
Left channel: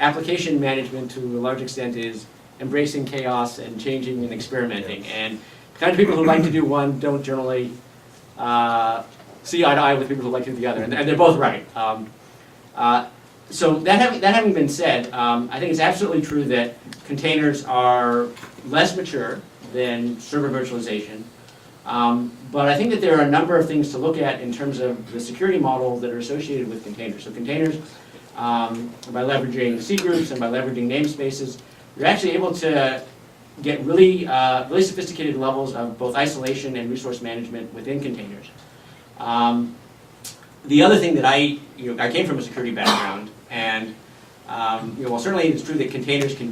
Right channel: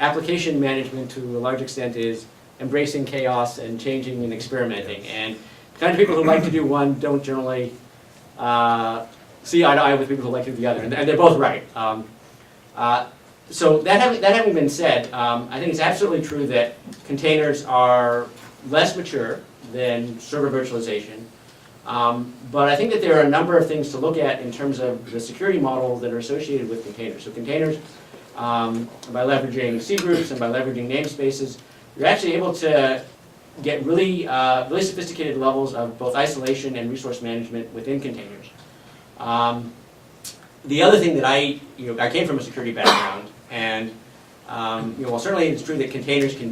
application management to a large extent is embracing chaos and changing and experimenting. And the kind of people who like to do one don't generally see eye to eye with people who like to do the other, and they're both right. So that having been said, I think it's absolutely true that containers are less mature than server virtualization. But I think that there are a number of things to look at in terms of the security models that are associated with containers. So containers, by leveraging C groups and by leveraging namespaces, you're actually able to get really sophisticated levels of both isolation and resource management within containers. The other thing that I came from a security background, and while certainly it's true that containers can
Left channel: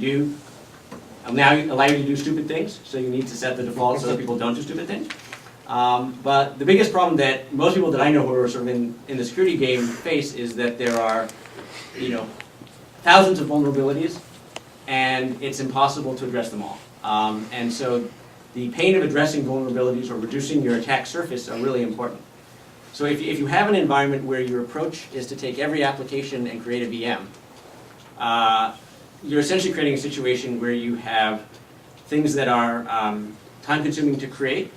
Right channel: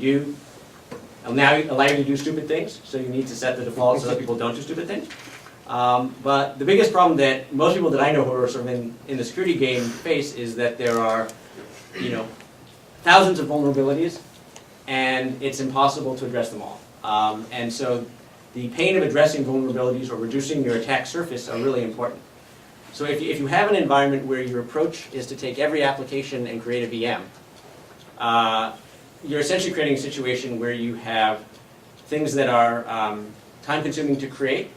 now allow you to do stupid things, so you need to set the default so that people don't do stupid things. But the biggest problem that most people that I know who are sort of in the security game face is that there are, thousands of vulnerabilities, and it's impossible to address them all. And so the pain of addressing vulnerabilities or reducing your attack surface are really important. So if you have an environment where your approach is to take every application and create a VM, you're essentially creating a situation where you have things that are time-consuming to create,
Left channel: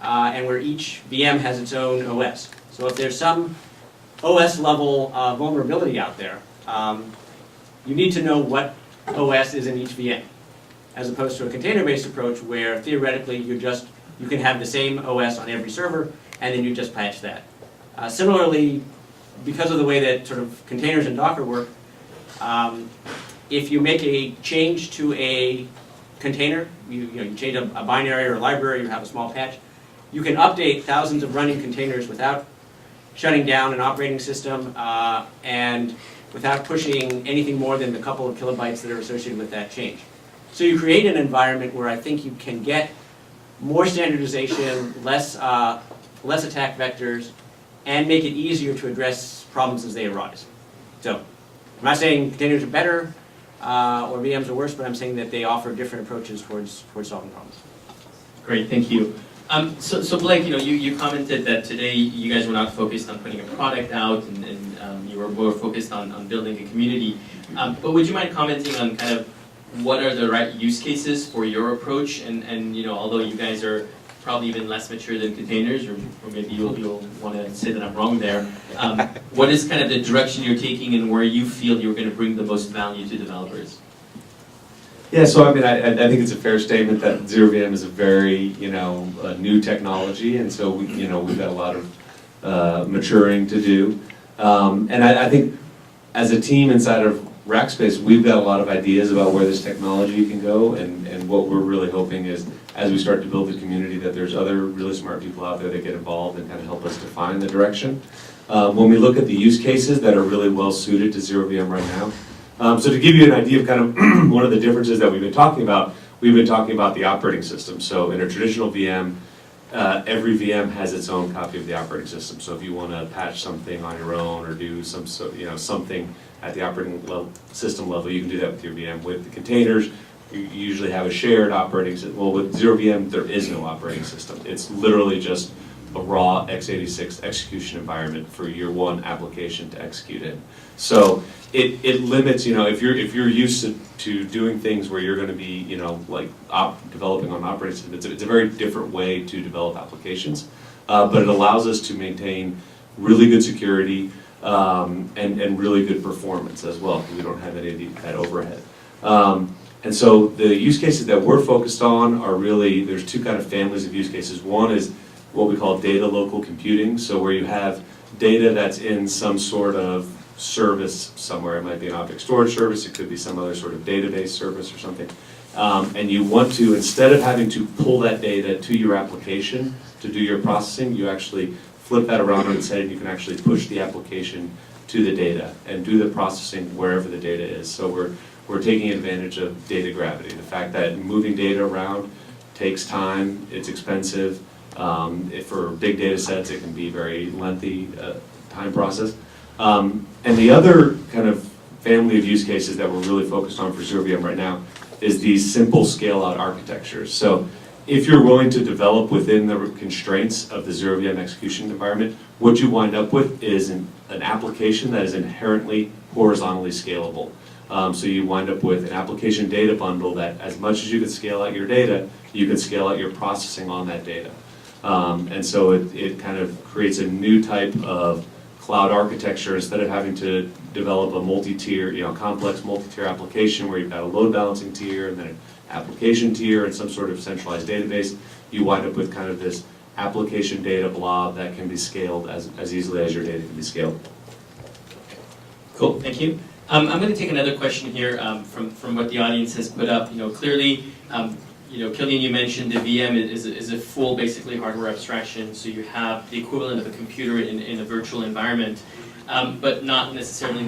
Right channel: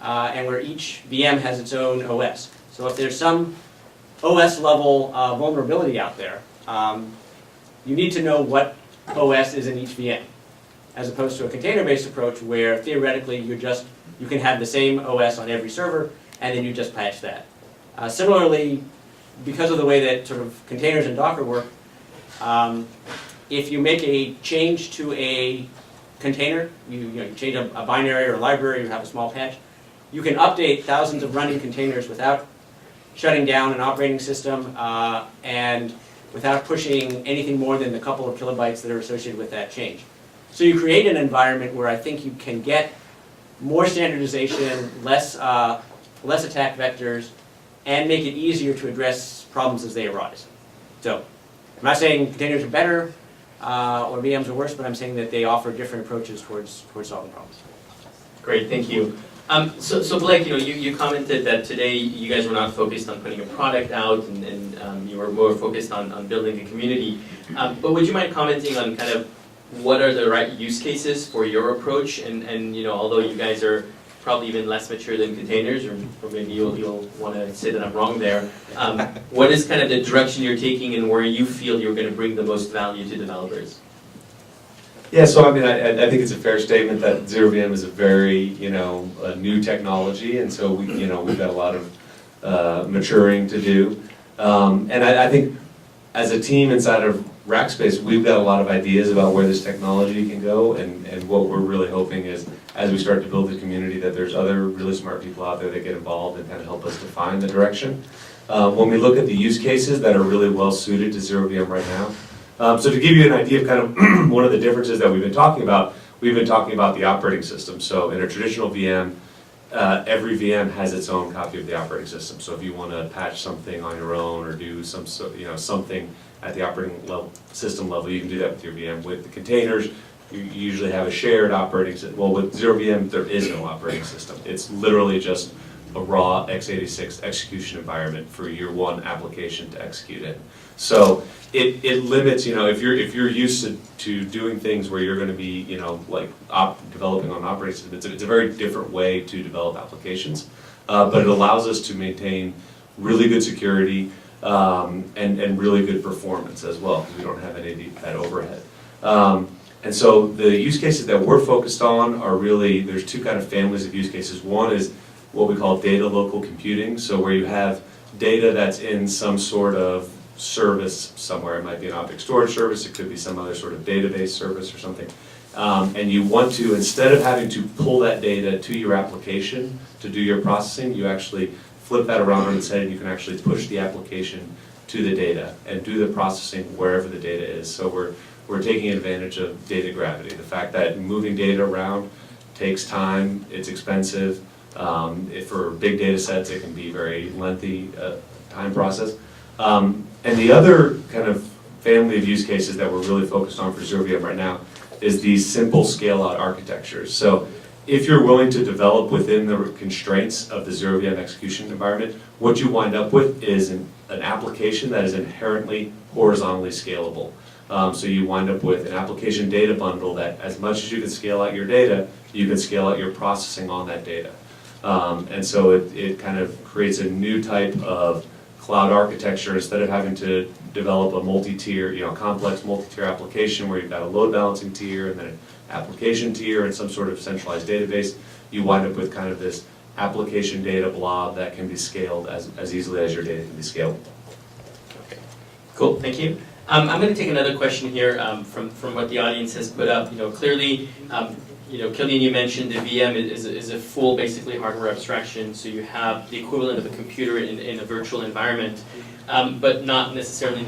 and where each VM has its own OS. So if there's some OS-level vulnerability out there, you need to know what OS is in each VM, as opposed to a container-based approach where theoretically you can have the same OS on every server, and then you just patch that. Similarly, because of the way that sort of containers and Docker work, if you make a change to a container, you change a binary or a library, you have a small patch, you can update thousands of running containers without shutting down an operating system and without pushing anything more than the couple of kilobytes that are associated with that change. So you create an environment where I think you can get more standardization, less attack vectors, and make it easier to address problems as they arise. So I'm not saying containers are better or VMs are worse, but I'm saying that they offer different approaches towards solving problems. Great, thank you. So Blake, you commented that today you guys were not focused on putting a product out, and you were more focused on building a community. But would you mind commenting on kind of what are the right use cases for your approach? And although you guys are probably even less mature than containers, or maybe you'll want to say that I'm wrong there, what is kind of the direction you're taking and where you feel you're going to bring the most value to developers? Yeah, so I mean, I think it's a fair statement that ZeroVM is a very, a new technology, and so we've got a lot of maturing to do. And I think as a team inside of Rackspace, we've got a lot of ideas about where this technology can go, and what we're really hoping is, as we start to build the community, that there's other really smart people out there that get involved and kind of help us define the direction. When we look at the use cases that are really well suited to ZeroVM right now, so to give you an idea of kind of one of the differences that we've been talking about the operating system. So in a traditional VM, every VM has its own copy of the operating system. So if you want to patch something on your own or do something at the operating system level, you can do that with your VM. With the containers, you usually have a shared operating system. Well, with ZeroVM, there is no operating system. It's literally just a raw x86 execution environment for your one application to execute in. So it limits, if you're used to doing things where you're going to be, developing on an operating system, it's a very different way to develop applications, but it allows us to maintain really good security and really good performance as well, because we don't have any of that overhead. And so the use cases that we're focused on are really, there's two kind of families of use cases. One is what we call data local computing, so where you have data that's in some sort of service somewhere. It might be an object storage service, it could be some other sort of database service or something. And you want to, instead of having to pull that data to your application to do your processing, you actually flip that around on its head and you can actually push the application to the data and do the processing wherever the data is. So we're taking advantage of data gravity, the fact that moving data around takes time, it's expensive. For big data sets, it can be very lengthy time process. And the other kind of family of use cases that we're really focused on for ZeroVM right now is these simple scale-out architectures. So if you're willing to develop within the constraints of the ZeroVM execution environment, what you wind up with is an application that is inherently horizontally scalable. So you wind up with an application data bundle that, as much as you can scale out your data, you can scale out your processing on that data. And so it kind of creates a new type of cloud architecture. Instead of having to develop a multi-tier, complex multi-tier application where you've got a load balancing tier and then an application tier and some sort of centralized database, you wind up with kind of this application data blob that can be scaled as easily as your data can be scaled. Okay. Cool, thank you. I'm going to take another question here from what the audience has put up. Clearly, Killian, you mentioned the VM is a full, basically, hardware abstraction, so you have the equivalent of a computer in a virtual environment, but not necessarily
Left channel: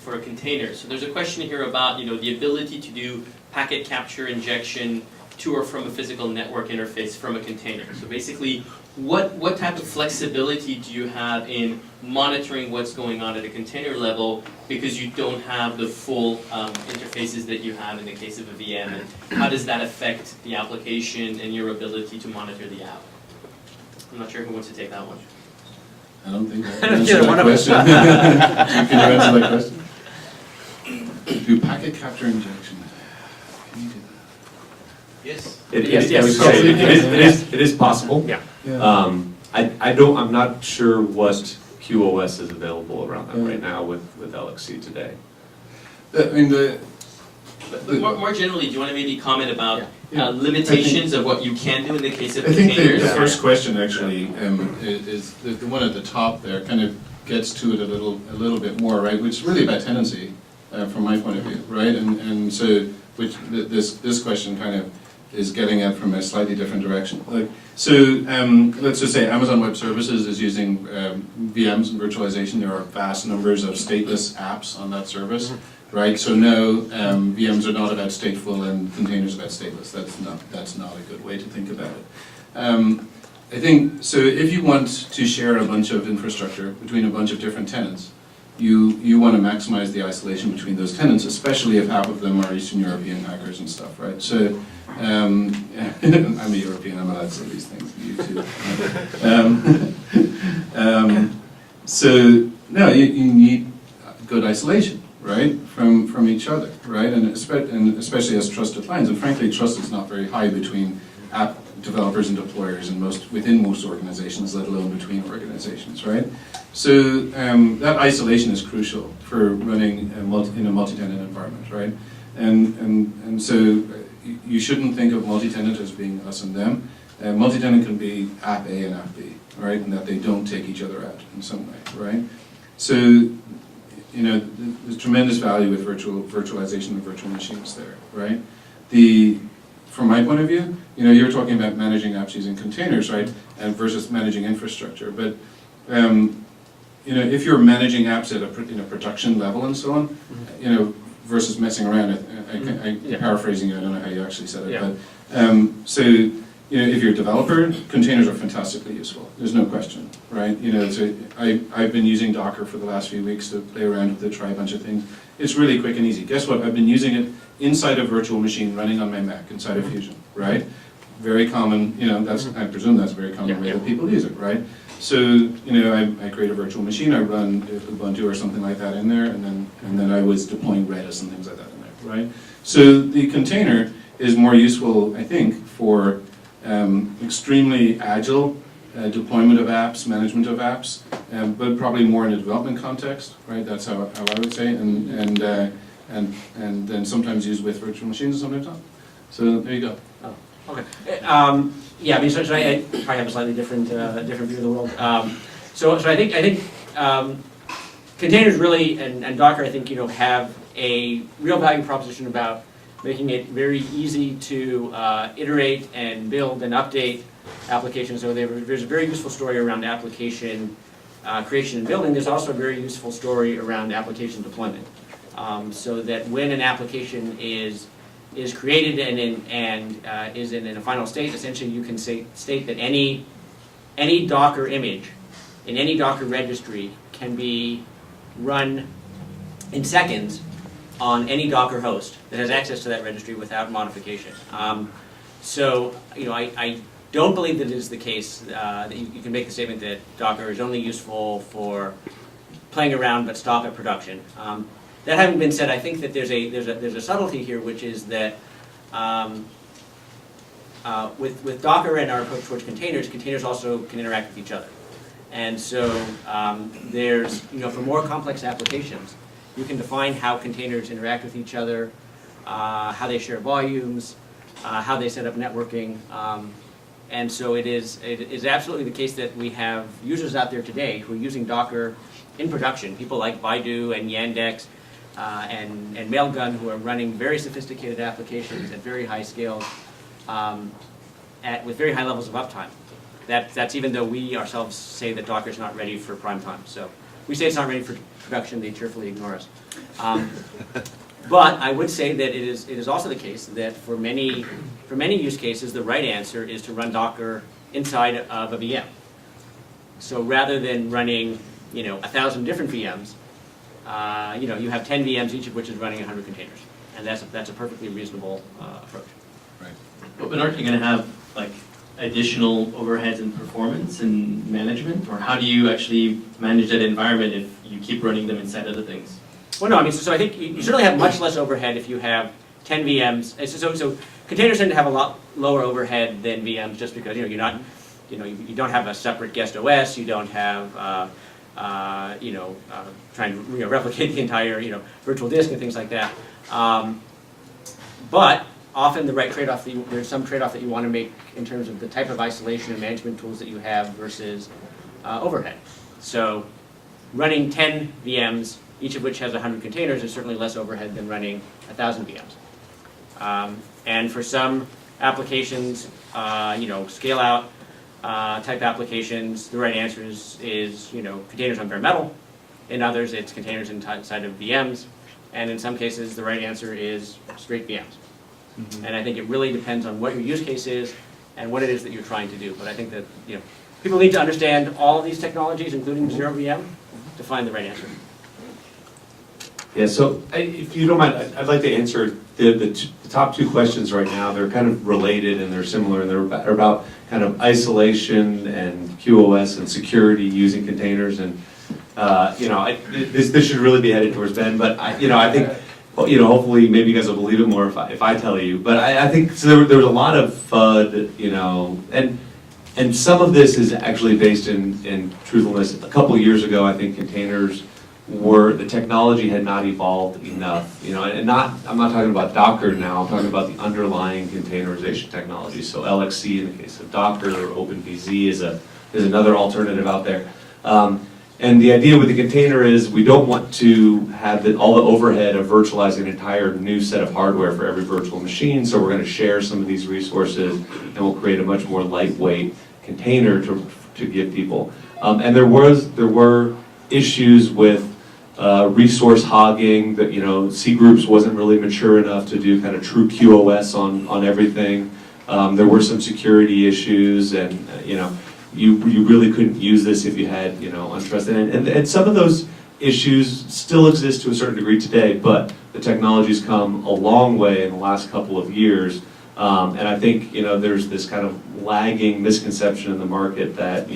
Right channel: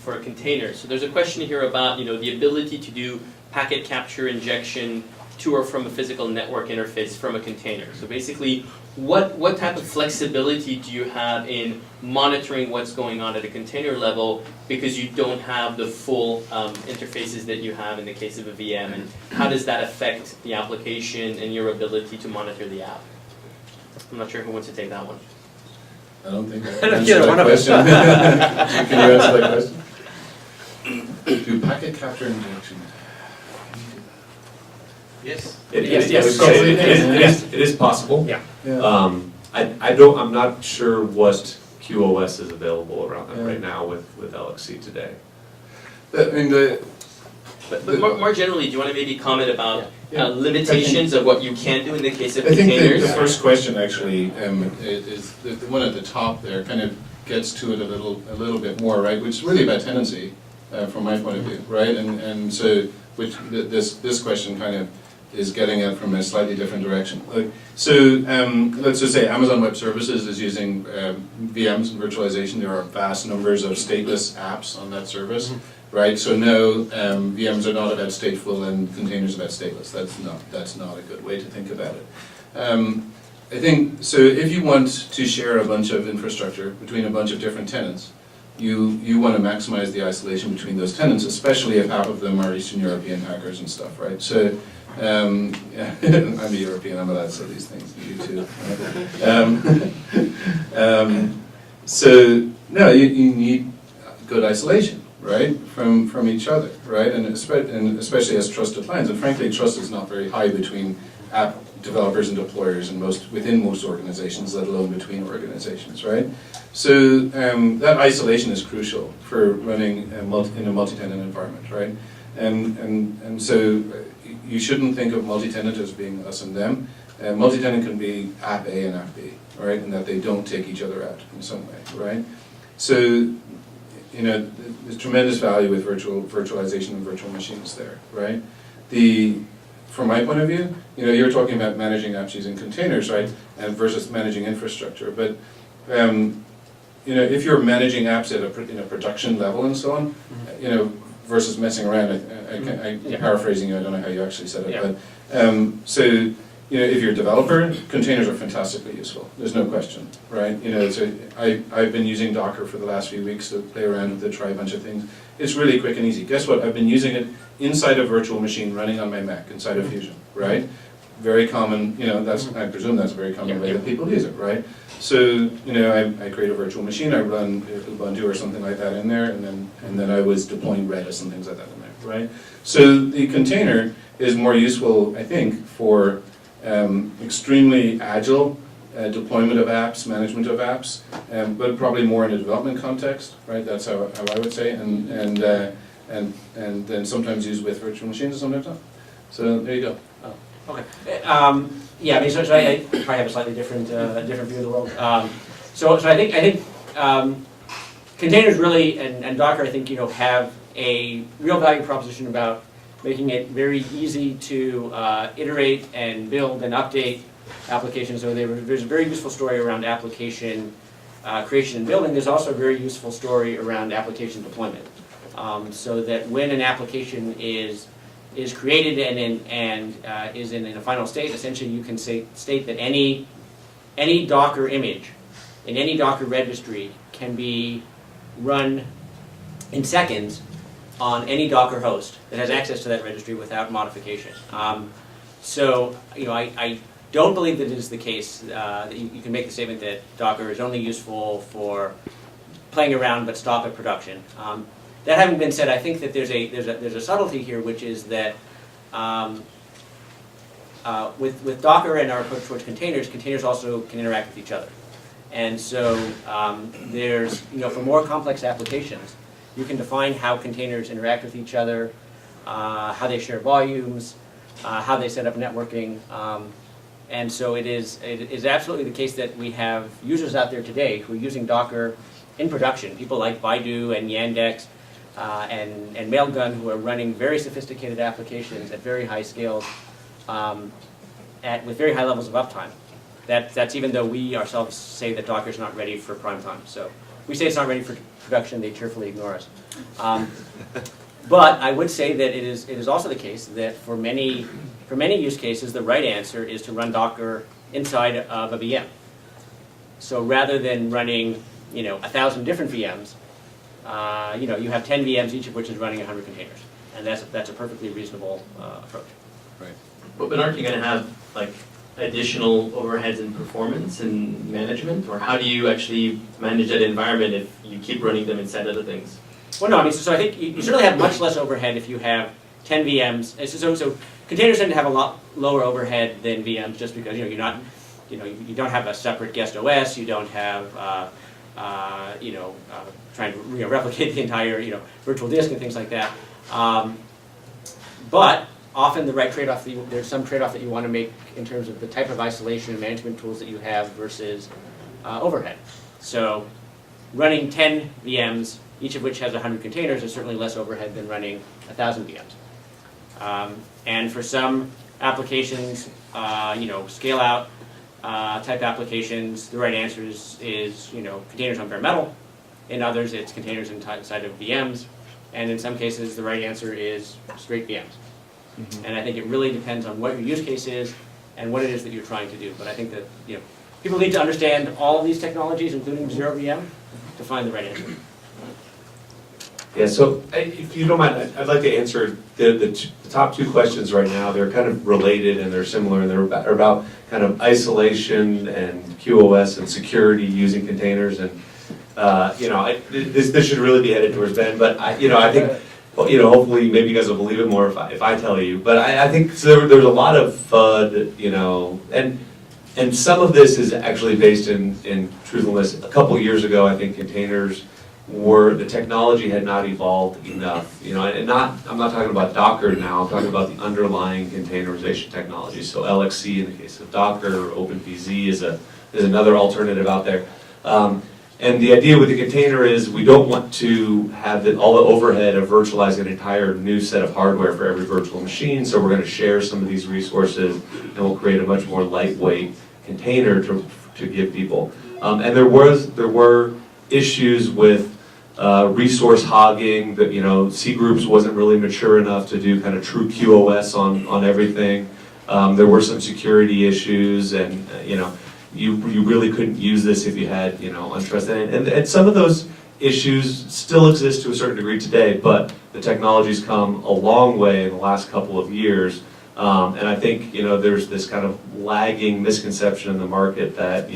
for a container. So there's a question here about the ability to do packet capture injection to or from a physical network interface from a container. So basically, what type of flexibility do you have in monitoring what's going on at a container level, because you don't have the full interfaces that you have in the case of a VM, and how does that affect the application and your ability to monitor the app? I'm not sure who wants to take that one. I don't think I can answer that question. Can you answer that question? Do packet capture injection. Can you do that? Yes. It is possible. Yeah. I'm not sure what QoS is available around that right now with LXC today. But more generally, do you want to maybe comment about limitations of what you can do in the case of I think containers? the first question actually is the one at the top there kind of gets to it a little bit more, right? Which is really about tenancy from my point of view, right? And so this question kind of is getting it from a slightly different direction. Let's just say Amazon Web Services is using VMs and virtualization. There are vast numbers of stateless apps on that service. right? So no, VMs are not about stateful and containers about stateless. That's not a good way to think about it. I think, so if you want to share a bunch of infrastructure between a bunch of different tenants, you want to maximize the isolation between those tenants, especially if half of them are Eastern European hackers and stuff, right? So, I'm a European, I'm allowed to say these things, you too. So, no, you need good isolation, right, from each other, right, and especially as trusted lines. And frankly, trust is not very high between app developers and deployers within most organizations, let alone between organizations, right? So that isolation is crucial for running in a multi-tenant environment, right? And so you shouldn't think of multi-tenant as being us and them. Multi-tenant can be app A and app B, right, and that they don't take each other out in some way, right? So, you know, there's tremendous value with virtualization of virtual machines there, right? From my point of view, you know, you were talking about managing apps using containers, right, and versus managing infrastructure. But you know, if you're managing apps at a production level and so on, you know, versus messing around, I'm paraphrasing you. I don't know how you actually said it, but so you know, if you're a developer, containers are fantastically useful. There's no question, right? You know, so I've been using Docker for the last few weeks to play around with it, try a bunch of things. It's really quick and easy. Guess what? I've been using it inside a virtual machine running on my Mac, inside of Fusion, right? Very common, you know, I presume that's a very common way that people use it, right? So, you know, I create a virtual machine, I run Ubuntu or something like that in there, and then I was deploying Redis and things like that in there, right? So the container is more useful, I think, for extremely agile deployment of apps, management of apps, but probably more in a development context, right? That's how I would say, and then sometimes used with virtual machines and sometimes not. So there you go. Oh, okay. Yeah, I mean, so I probably have a slightly different view of the world. So I think containers really and Docker, I think, you know, have a real value proposition about making it very easy to iterate and build and update applications. So there's a very useful story around application creation and building. There's also a very useful story around application deployment. So that when an application is created and is in a final state, essentially you can state that any Docker image in any Docker registry can be run in seconds on any Docker host that has access to that registry without modification. So, you know, I don't believe that it is the case that you can make the statement that Docker is only useful for playing around but stop at production. That having been said, I think that there's a subtlety here, which is that with Docker and our approach towards containers also can interact with each other. And so there's, you know, for more complex applications, you can define how containers interact with each other, how they share volumes, how they set up networking. And so it is absolutely the case that we have users out there today who are using Docker in production, people like Baidu and Yandex and Mailgun, who are running very sophisticated applications at very high scales with very high levels of uptime. That's even though we ourselves say that Docker is not ready for prime time. So we say it's not ready for production, they cheerfully ignore us. But I would say that it is also the case that for many use cases, the right answer is to run Docker inside of a VM. So rather than running, you know, 1,000 different VMs, you know, you have 10 VMs, each of which is running 100 containers, and that's a perfectly reasonable approach. Right. But aren't you going to have like additional overheads in performance and management, or how do you actually manage that environment if you keep running them inside other things? Well, no, I mean, so I think you certainly have much less overhead if you have 10 VMs. So containers tend to have a lot lower overhead than VMs, just because, you know, you're not, you know, you don't have a separate guest OS, you don't have, you know, trying to, you know, replicate the entire, you know, virtual disk and things like that. But often the right trade-off, there's some trade-off that you want to make in terms of the type of isolation and management tools that you have versus overhead. So running 10 VMs, each of which has 100 containers, is certainly less overhead than running 1,000 VMs. And for some applications, you know, scale-out type applications, the right answer is, you know, containers on bare metal. In others, it's containers inside of VMs. and in some cases, the right answer is straight VMs. And I think it really depends on what your use case is and what it is that you're trying to do. But I think that people need to understand all of these technologies, including ZeroVM, to find the right answer. Yeah, so if you don't mind, I'd like to answer the top two questions right now. They're kind of related and they're similar, and they're about kind of isolation and QoS and security using containers. And this should really be headed towards Ben, but I think hopefully maybe you guys will believe it more if I tell you. But I think so. There was a lot of FUD, and some of this is actually based in truthfulness. A couple of years ago, I think containers the technology had not evolved enough, and I'm not talking about Docker now, I'm talking about the underlying containerization technology. So LXC in the case of Docker, OpenVZ is another alternative out there. And the idea with the container is we don't want to have all the overhead of virtualizing an entire new set of hardware for every virtual machine, so we're going to share some of these resources and we'll create a much more lightweight container to give people. And there were issues with resource hogging, that C groups wasn't really mature enough to do kind of true QoS on everything. There were some security issues, and you really couldn't use this if you had untrusted. And some of those issues still exist to a certain degree today, but the technology's come a long way in the last couple of years. And I think there's this kind of lagging misconception in the market that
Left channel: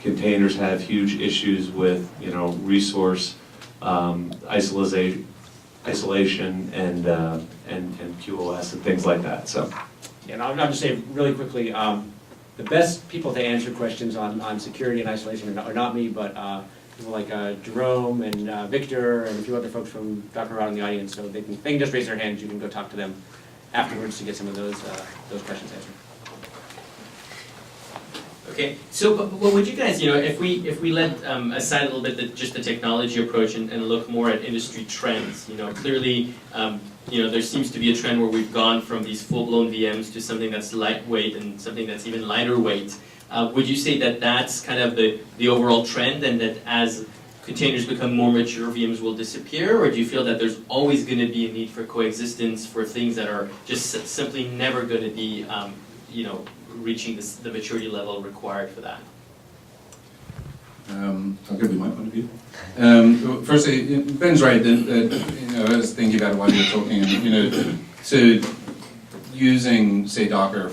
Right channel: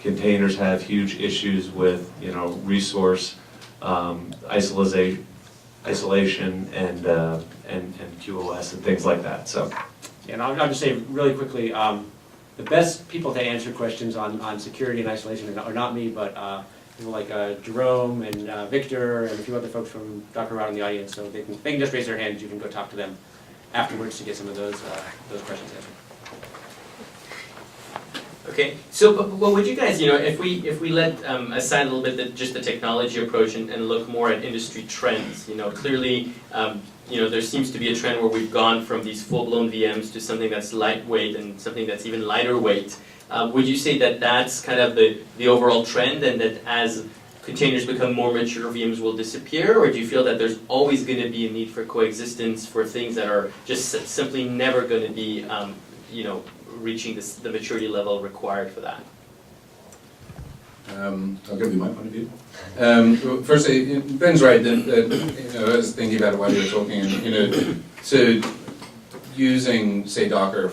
containers have huge issues with resource isolation and QoS and things like that. So, And I'll just say really quickly, the best people to answer questions on security and isolation are not me, but people like Jerome and Victor and a few other folks from Docker out in the audience. So they can just raise their hands. You can go talk to them afterwards to get some of those questions answered. Okay, so what would you guys, if we let aside a little bit just the technology approach and look more at industry trends, clearly, there seems to be a trend where we've gone from these full-blown VMs to something that's lightweight and something that's even lighter weight. Would you say that that's kind of the overall trend, and that as containers become more mature, VMs will disappear, or do you feel that there's always going to be a need for coexistence for things that are just simply never going to be, reaching the maturity level required for that? I'll give you my point of view. Firstly, Ben's right that I was thinking about it while you were talking, and so using say Docker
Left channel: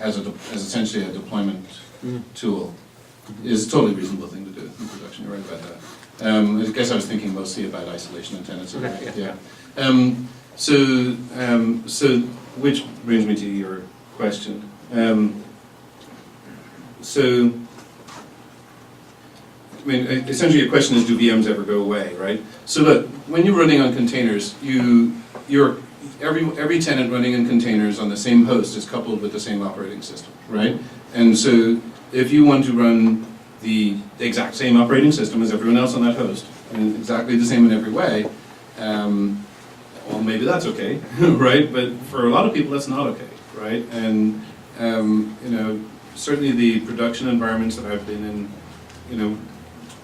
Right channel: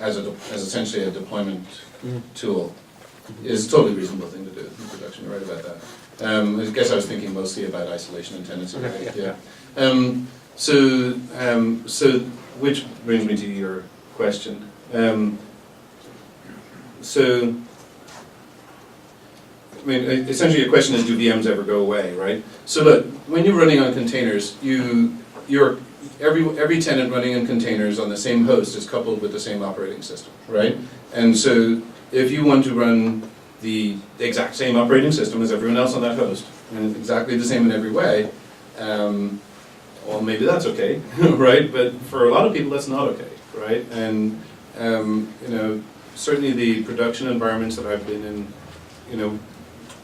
as essentially a deployment tool is a totally reasonable thing to do in production. You're right about that. I guess I was thinking mostly about isolation and tenancy. Okay, yeah. So which brings me to your question. Essentially your question is, do VMs ever go away, right? So look, when you're running on containers, every tenant running in containers on the same host is coupled with the same operating system, right? And so if you want to run the exact same operating system as everyone else on that host, and exactly the same in every way, well, maybe that's okay, right? But for a lot of people, that's not okay, right? And certainly the production environments that I've been in,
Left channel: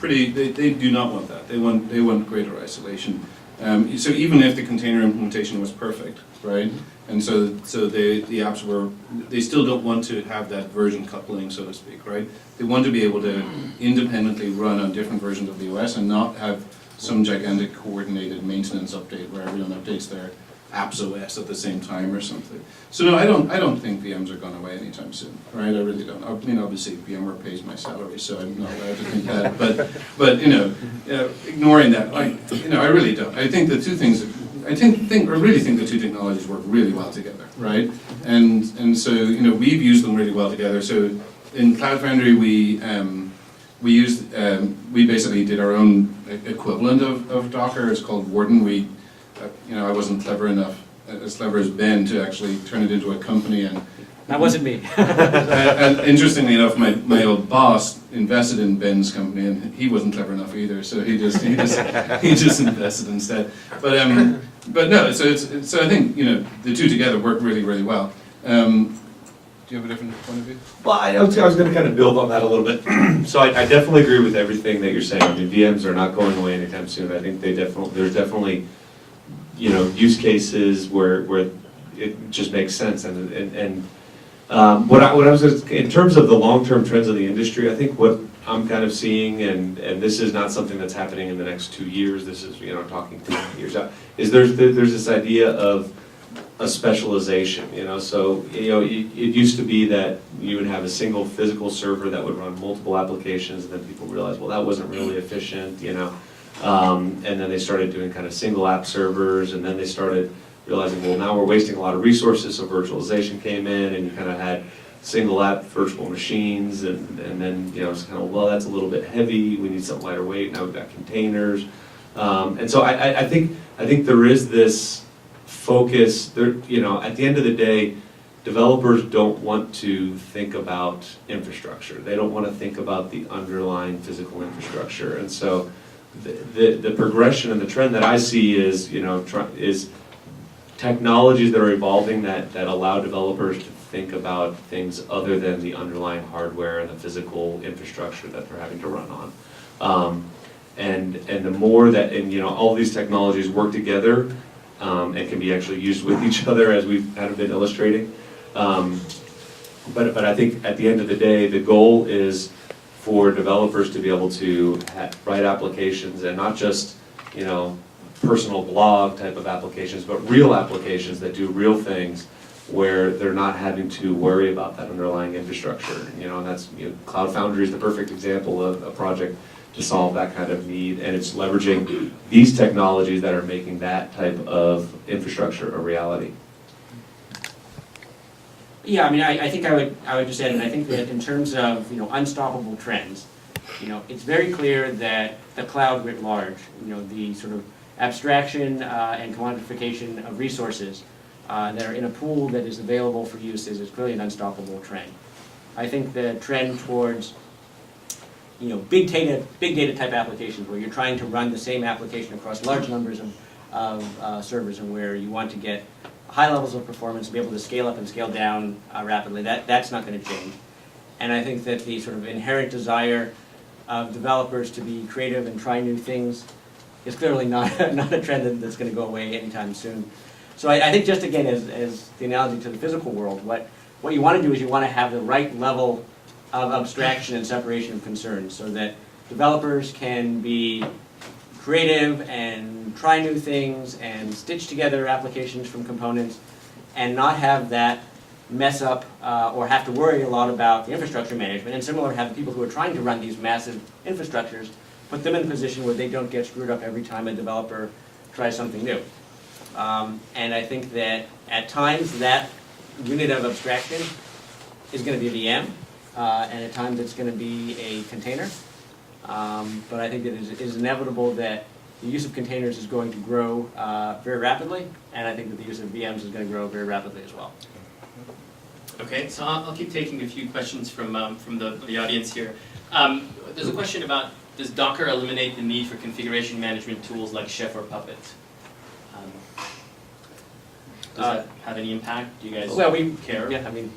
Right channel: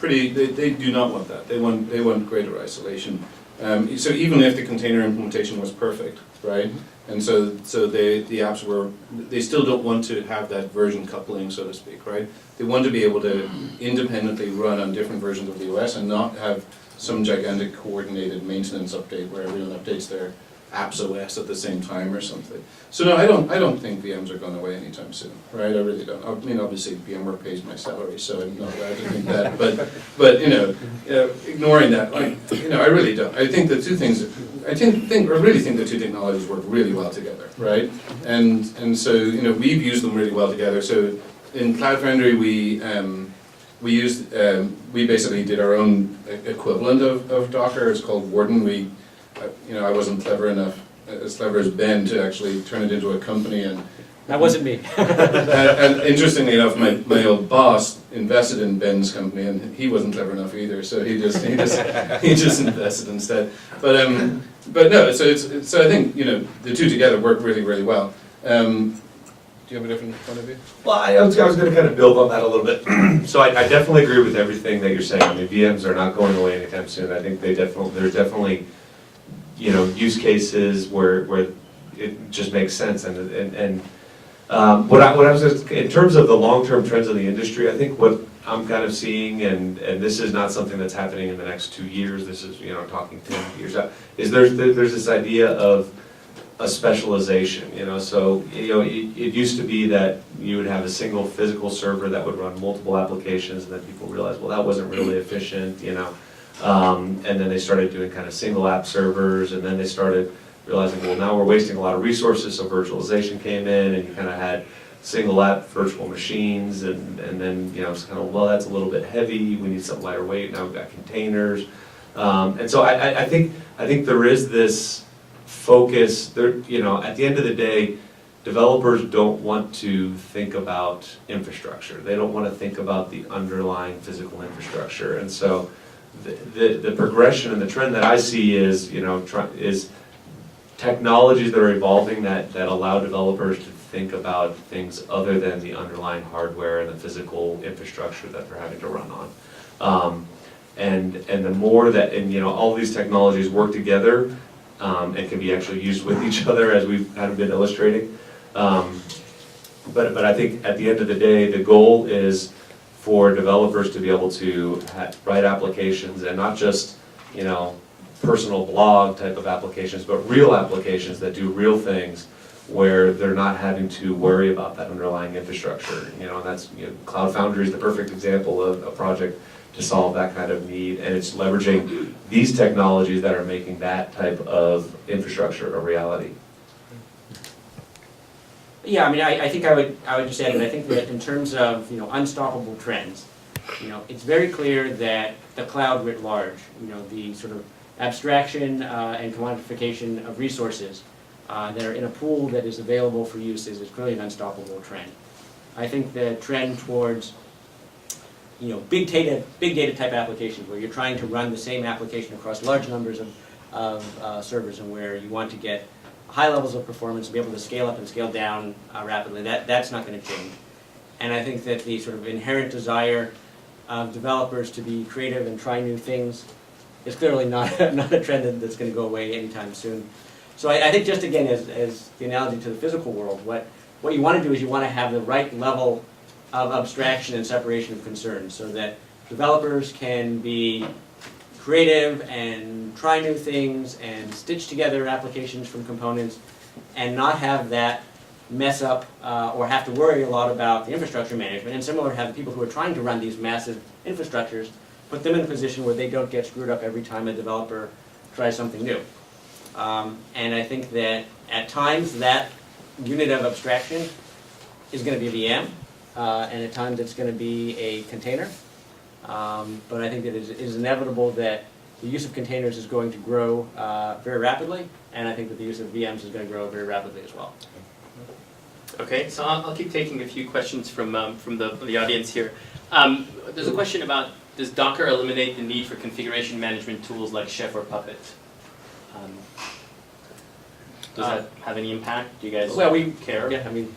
they do not want that. They want greater isolation. So even if the container implementation was perfect, right? And so the apps they still don't want to have that version coupling, so to speak, right? They want to be able to independently run on different versions of the OS and not have some gigantic coordinated maintenance update where everyone updates their apps OS at the same time or something. So no, I don't think VMs are going away anytime soon, right? I really don't. I mean, obviously VMware pays my salary, so I'm not allowed to think that. But ignoring that, I really don't. I think the two things. I really think the two technologies work really well together, right? And so we've used them really well together. So in Cloud Foundry we basically did our own equivalent of Docker. It's called Warden. I wasn't clever enough, as clever as Ben, to actually turn it into a company. And that wasn't me. and interestingly enough, my old boss invested in Ben's company, and he wasn't clever enough either. So he just invested instead. But no. So I think the two together work really, really well. Do you have a different point of view? Well, I was going to kind of build on that a little bit. So I definitely agree with everything that you're saying. I mean, VMs are not going away anytime soon. I think there's definitely, use cases where it just makes sense. And what I was in terms of the long-term trends of the industry, I think what I'm kind of seeing, and this is not something that's happening in the next 2 years. This is talking 10 years out. Is there's this idea of a specialization, so it used to be that you would have a single physical server that would run multiple applications, and then people realized, well, that wasn't really efficient, and then they started doing kind of single app servers, and then they started realizing, well, now we're wasting a lot of resources, so virtualization came in, and you kind of had single app virtual machines, and then it's kind of, well, that's a little bit heavy, we need something lighter weight, now we've got containers, and so I think there is this focus there. At the end of the day, developers don't want to think about infrastructure. They don't want to think about the underlying physical infrastructure. And so the progression and the trend that I see is is technologies that are evolving that allow developers to think about things other than the underlying hardware and the physical infrastructure that they're having to run on. And the more that all these technologies work together, and can be actually used with each other, as we've kind of been illustrating. But I think at the end of the day, the goal is for developers to be able to write applications, and not just personal blog type of applications, but real applications that do real things, where they're not having to worry about that underlying infrastructure. And that's Cloud Foundry is the perfect example of a project to solve that kind of need, and it's leveraging these technologies that are making that type of infrastructure a reality. Yeah, I mean, I think I would just add that I think that in terms of unstoppable trends, it's very clear that the cloud writ large, the sort of abstraction and commodification of resources that are in a pool that is available for use is clearly an unstoppable trend. I think the trend towards big data type applications, where you're trying to run the same application across large numbers of servers, and where you want to get high levels of performance and be able to scale up and scale down rapidly, that's not going to change. And I think that the sort of inherent desire of developers to be creative and try new things is clearly not a trend that's going to go away anytime soon. So I think, just again, as the analogy to the physical world, what you want to do is you want to have the right level of abstraction and separation of concerns, so that developers can be creative and try new things and stitch together applications from components, and not have that mess up or have to worry a lot about the infrastructure management. And similarly, have the people who are trying to run these massive infrastructures, put them in a position where they don't get screwed up every time a developer tries something new. And I think that at times that unit of abstraction is going to be a VM. And at times it's going to be a container. But I think that it is inevitable that the use of containers is going to grow very rapidly, and I think that the use of VMs is going to grow very rapidly as well. Okay, so I'll keep taking a few questions from the audience here. There's a question about, does Docker eliminate the need for configuration management tools like Chef or Puppet? Does that have any impact? Do you guys care? Yeah, I mean,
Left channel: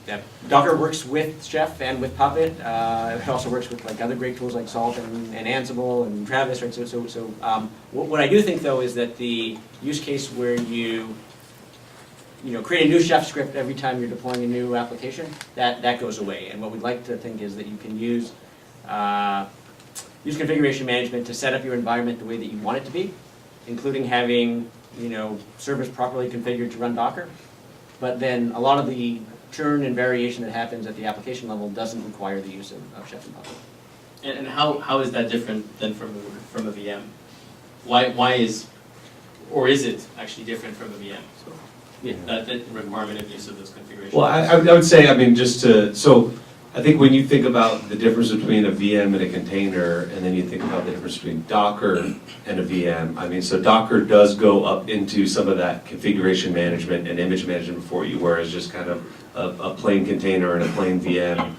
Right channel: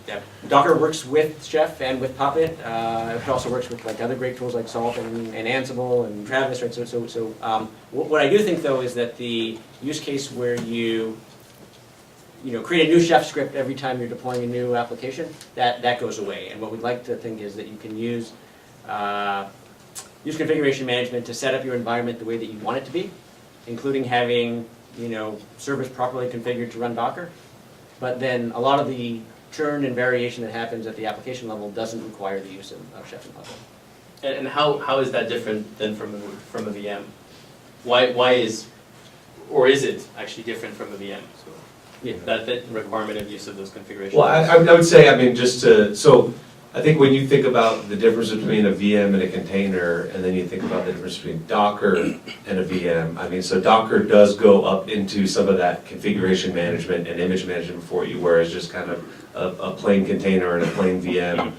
Docker works with Chef and with Puppet. It also works with other great tools like Salt and Ansible and Travis, right? So what I do think, though, is that the use case where you create a new Chef script every time you're deploying a new application, that goes away. And what we'd like to think is that you can use configuration management to set up your environment the way that you want it to be, including having servers properly configured to run Docker. But then a lot of the churn and variation that happens at the application level doesn't require the use of Chef and Puppet. And how is that different than from a VM? Why is it actually different from a VM? So Yeah. that requirement of use of those configurations. Well, I would say, so I think when you think about the difference between a VM and a container, and then you think about the difference between Docker and a VM, so Docker does go up into some of that configuration management and image management for you, whereas just kind of a plain container and a plain VM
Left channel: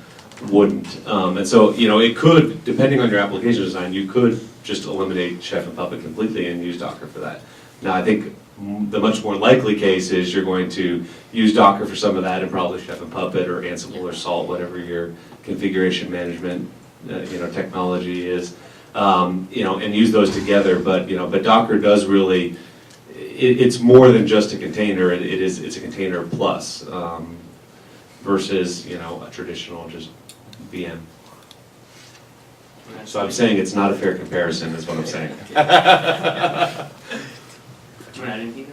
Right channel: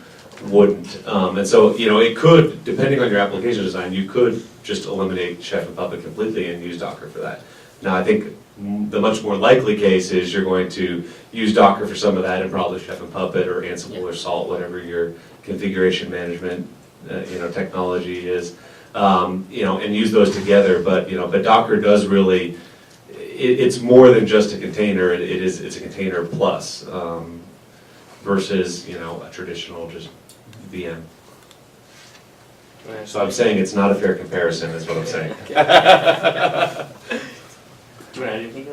wouldn't. And so, it could, depending on your application design, you could just eliminate Chef and Puppet completely and use Docker for that. Now, I think the much more likely case is you're going to use Docker for some of that, and probably Chef and Puppet or Ansible or Salt, whatever your configuration management technology is, and use those together. But but Docker does really, it's more than just a container. It's a container plus versus a traditional just VM. So I'm saying it's not a fair comparison, is what I'm saying. Do you want to add anything,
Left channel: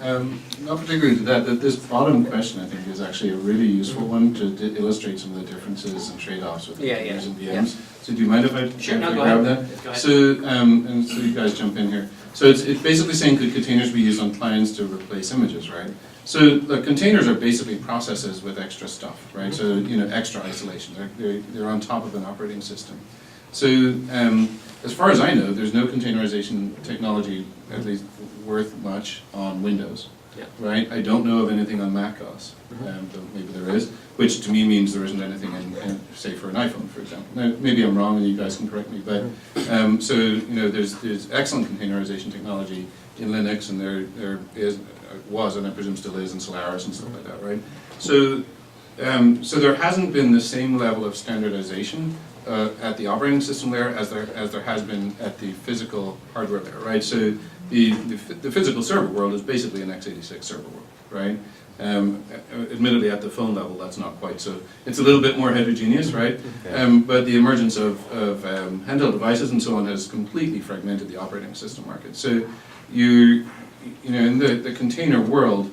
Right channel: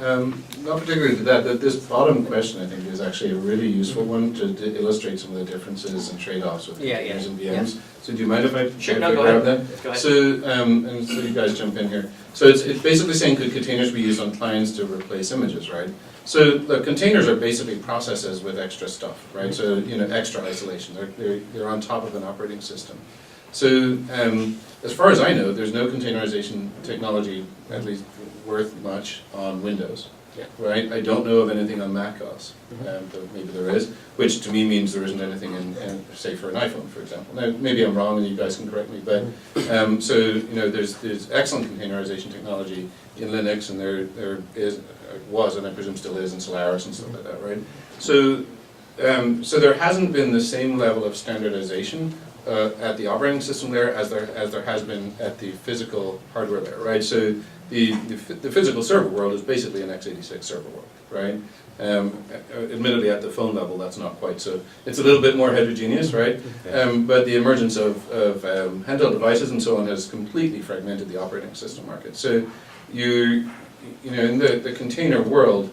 Elliot? Not particularly to that. This bottom question, I think, is actually a really useful one to illustrate some of the differences and trade-offs with containers and VMs. So do you mind if I grab that? Go ahead. So, and so you guys jump in here. So it's basically saying, could containers be used on clients to replace images, right? So look, containers are basically processes with extra stuff, right? So extra isolation. They're on top of an operating system. So as far as I know, there's no containerization technology, at least worth much, on Windows. Yeah. Right? I don't know of anything on Mac OS, though maybe there is, which to me means there isn't anything in say, for an iPhone, for example. Now, maybe I'm wrong and you guys can correct me, but so there's excellent containerization technology in Linux, and there was, and I presume still is, in Solaris and stuff like that, right? So so there hasn't been the same level of standardization at the operating system layer as there has been at the physical hardware layer, right? So the physical server world is basically an x86 server world, right? Admittedly, at the phone level, that's not quite so. It's a little bit more heterogeneous, right? But the emergence of handheld devices and so on has completely fragmented the operating system market. So in the container world,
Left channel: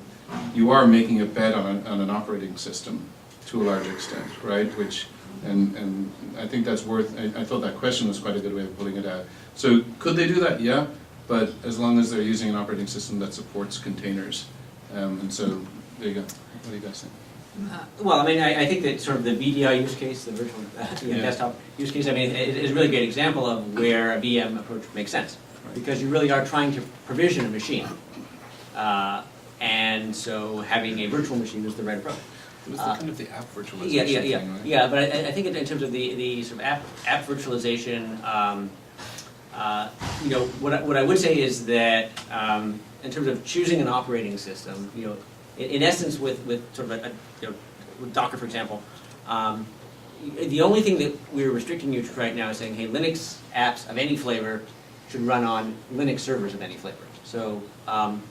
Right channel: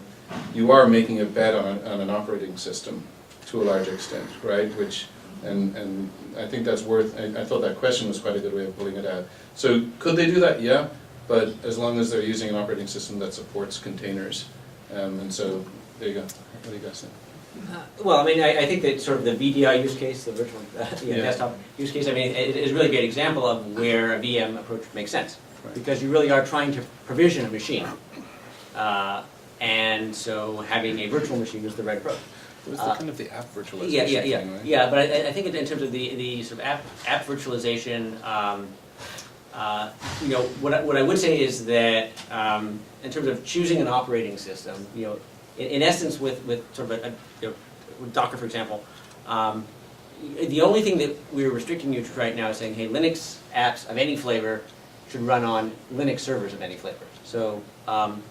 you are making a bet on an operating system to a large extent, right? And I think that's worth, I thought that question was quite a good way of pulling it out. So could they do that? Yeah, but as long as they're using an operating system that supports containers. And so, there you go. What do you guys think? Well, I mean, I think that sort of the VDI use case, the virtual desktop use case, I mean, it is a really great example of where a VM approach makes sense. Right. Because you really are trying to provision a machine. And so having a virtual machine is the right approach. It was kind of the app virtualization thing, right? Yeah, but I think in terms of the sort of app virtualization, what I would say is that in terms of choosing an operating system, in essence, with sort of with Docker, for example, the only thing that we're restricting you to right now is saying, hey, Linux apps of any flavor should run on Linux servers of any flavor. So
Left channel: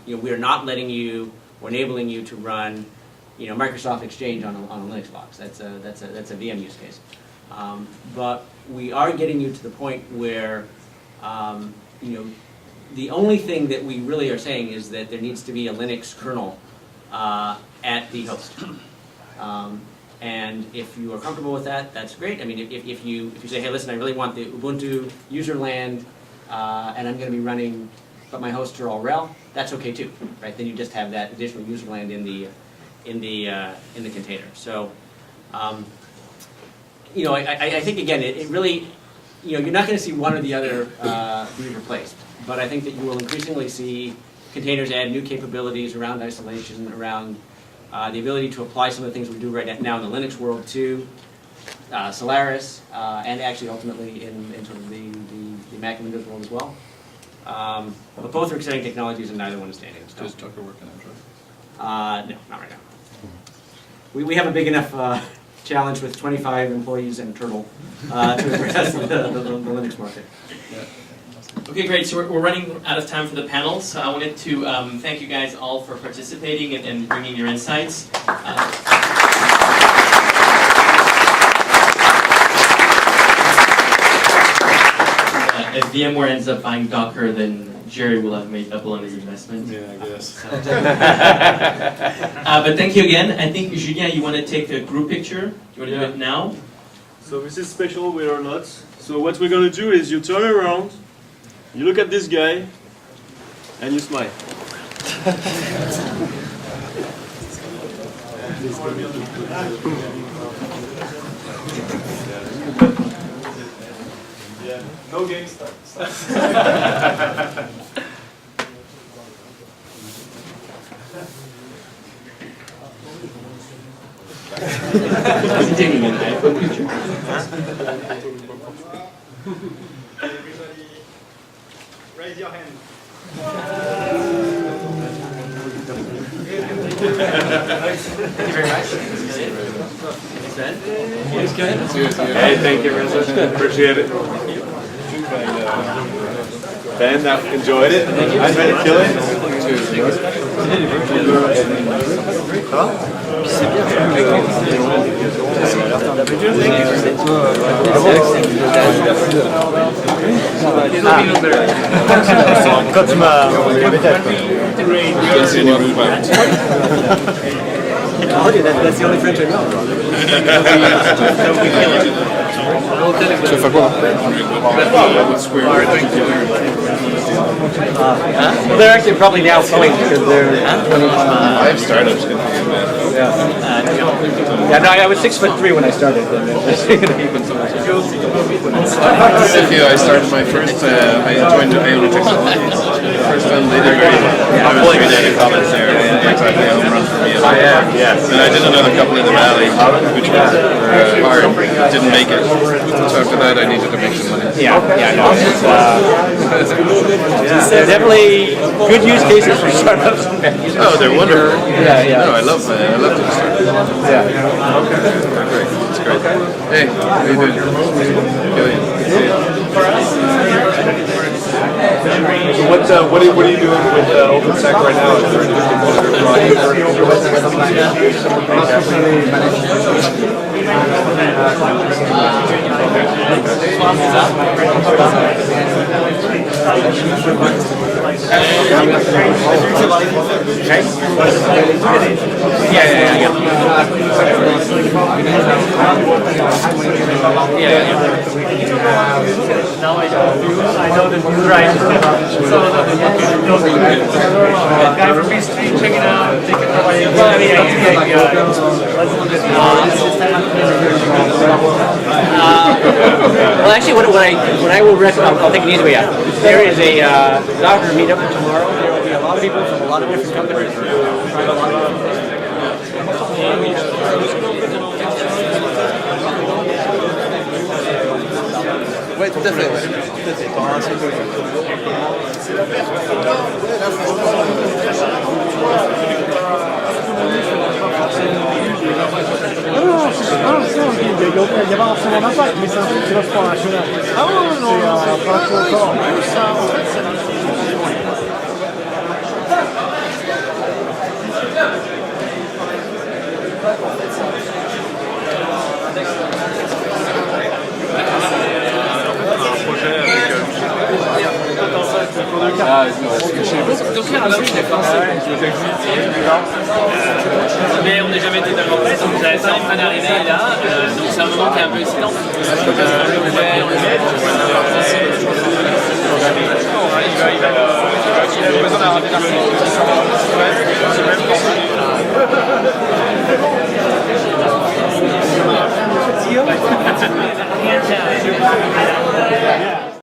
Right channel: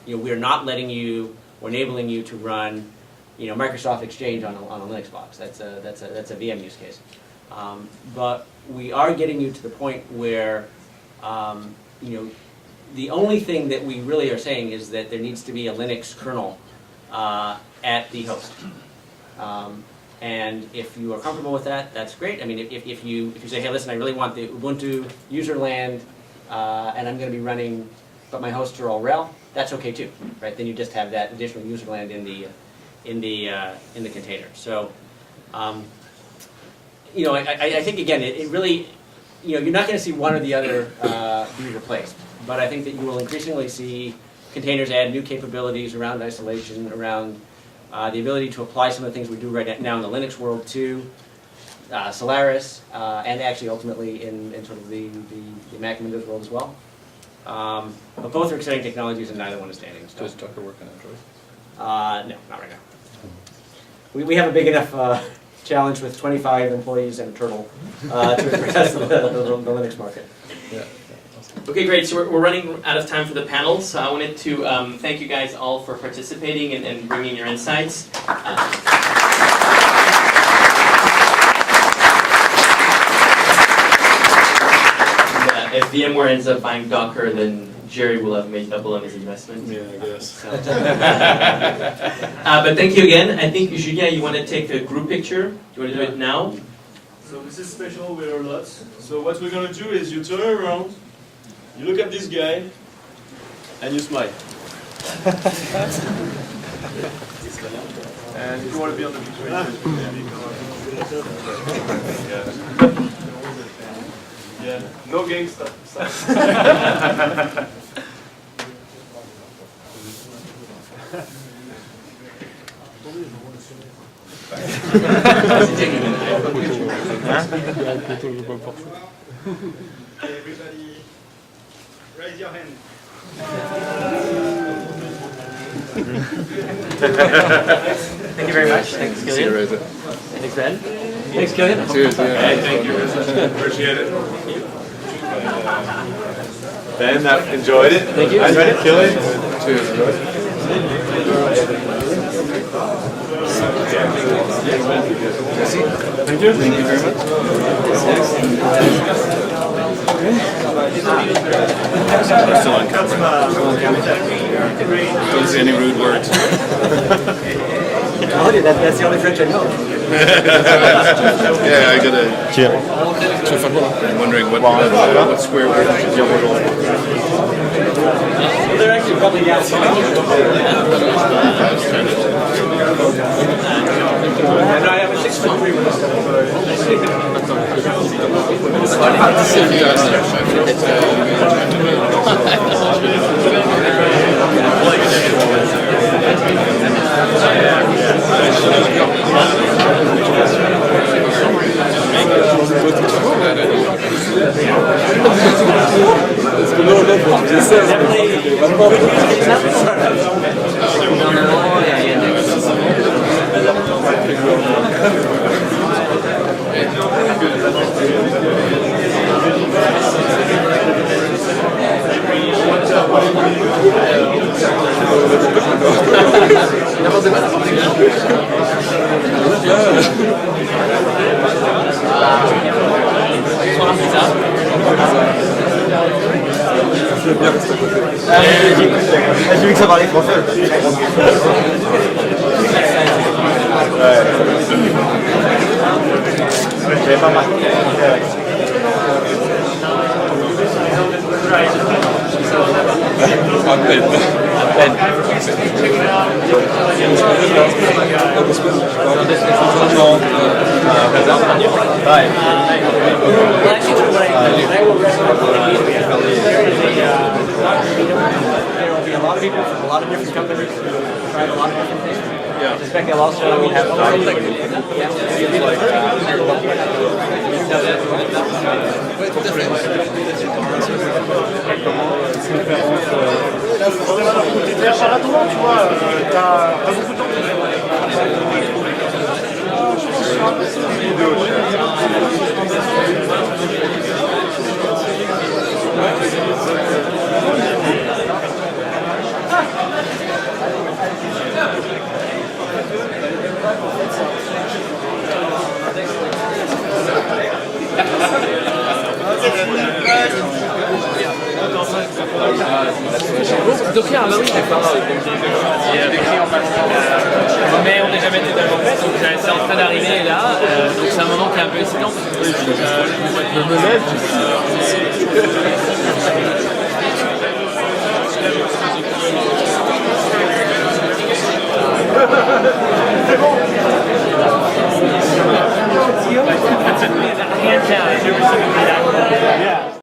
we are not letting you or enabling you to run Microsoft Exchange on a Linux box. That's a VM use case. But we are getting you to the point where the only thing that we really are saying is that there needs to be a Linux kernel at the host. And if you are comfortable with that, that's great. I mean, if you say, hey, listen, I really want the Ubuntu userland, and I'm going to be running, but my hosts are all RHEL, that's okay too, right? Then you just have that additional userland in the container. So, I think again, it really, you're not going to see one or the other be replaced. But I think that you will increasingly see containers add new capabilities around isolation, around the ability to apply some of the things we do right now in the Linux world to Solaris, and actually ultimately in sort of the Mac and Windows world as well. But both are exciting technologies, and neither one is standing still. Does Docker work on Android? No, not right now. We have a big enough challenge with 25 employees and a turtle to address the Linux market. Yeah. Okay, great. So we're running out of time for the panel, so I wanted to thank you guys all for participating and bringing your insights. If VMware ends up buying Docker, then Jerry will have made double on his investment. Yeah, I guess. But thank you again. I think, Julien, you want to take a group picture? Do you want to do it now? So this is special, we are lots. So what we're going to do is you turn around, you look at this guy, and you smile. Yeah, no gangster. Everybody, raise your hand. Thank you very much. See you, Reza. Thanks, Ben. Thanks, Killian. See you. Hey, thank you, Reza. Appreciate it. Ben, enjoyed it. Thank you. Enjoyed it. Kill it. Cheers. Thank you. Thank you very much. Don't say any rude words. I told you that's the only French I know. Yeah, I gotta. Tu veux faire quoi là? I'm wondering what swear word you should dire aujourd'hui. Well, they're actually probably now phone because they're. I've started. No, I was 6'3" when I started. I started my first. I joined the Mail. They did very well. I was 3 days in college there. And I did another couple in the Valley, which was hard. Didn't make it. So after that, I needed to make some money. Definitely good use cases. Oh, they're wonderful. No, I love them. It's great. Hey, how you Bonsoir, c'est ça? J'ai vu que ça parlait français. J'avais pas marqué. Well, actually, what I will recommend, I'll take it anyway. There is a Docker meetup. There will be a lot of people from a lot of different companies trying a lot of different things. Yeah. Expecting a lot of Ouais, tout à fait. Tout à fait. T'auras un seul jeu. Comment ouais, là, franchement, tu vois. Il n'y a pas forcément d'impact, mais c'est un truc qui va se prendre. Ah non, pas encore. Docker, ah bah oui, d'accord. Mais on n'est jamais été dans l'enquête, donc c'est en train d'arriver là, donc c'est un moment qui est un peu excitant. Rien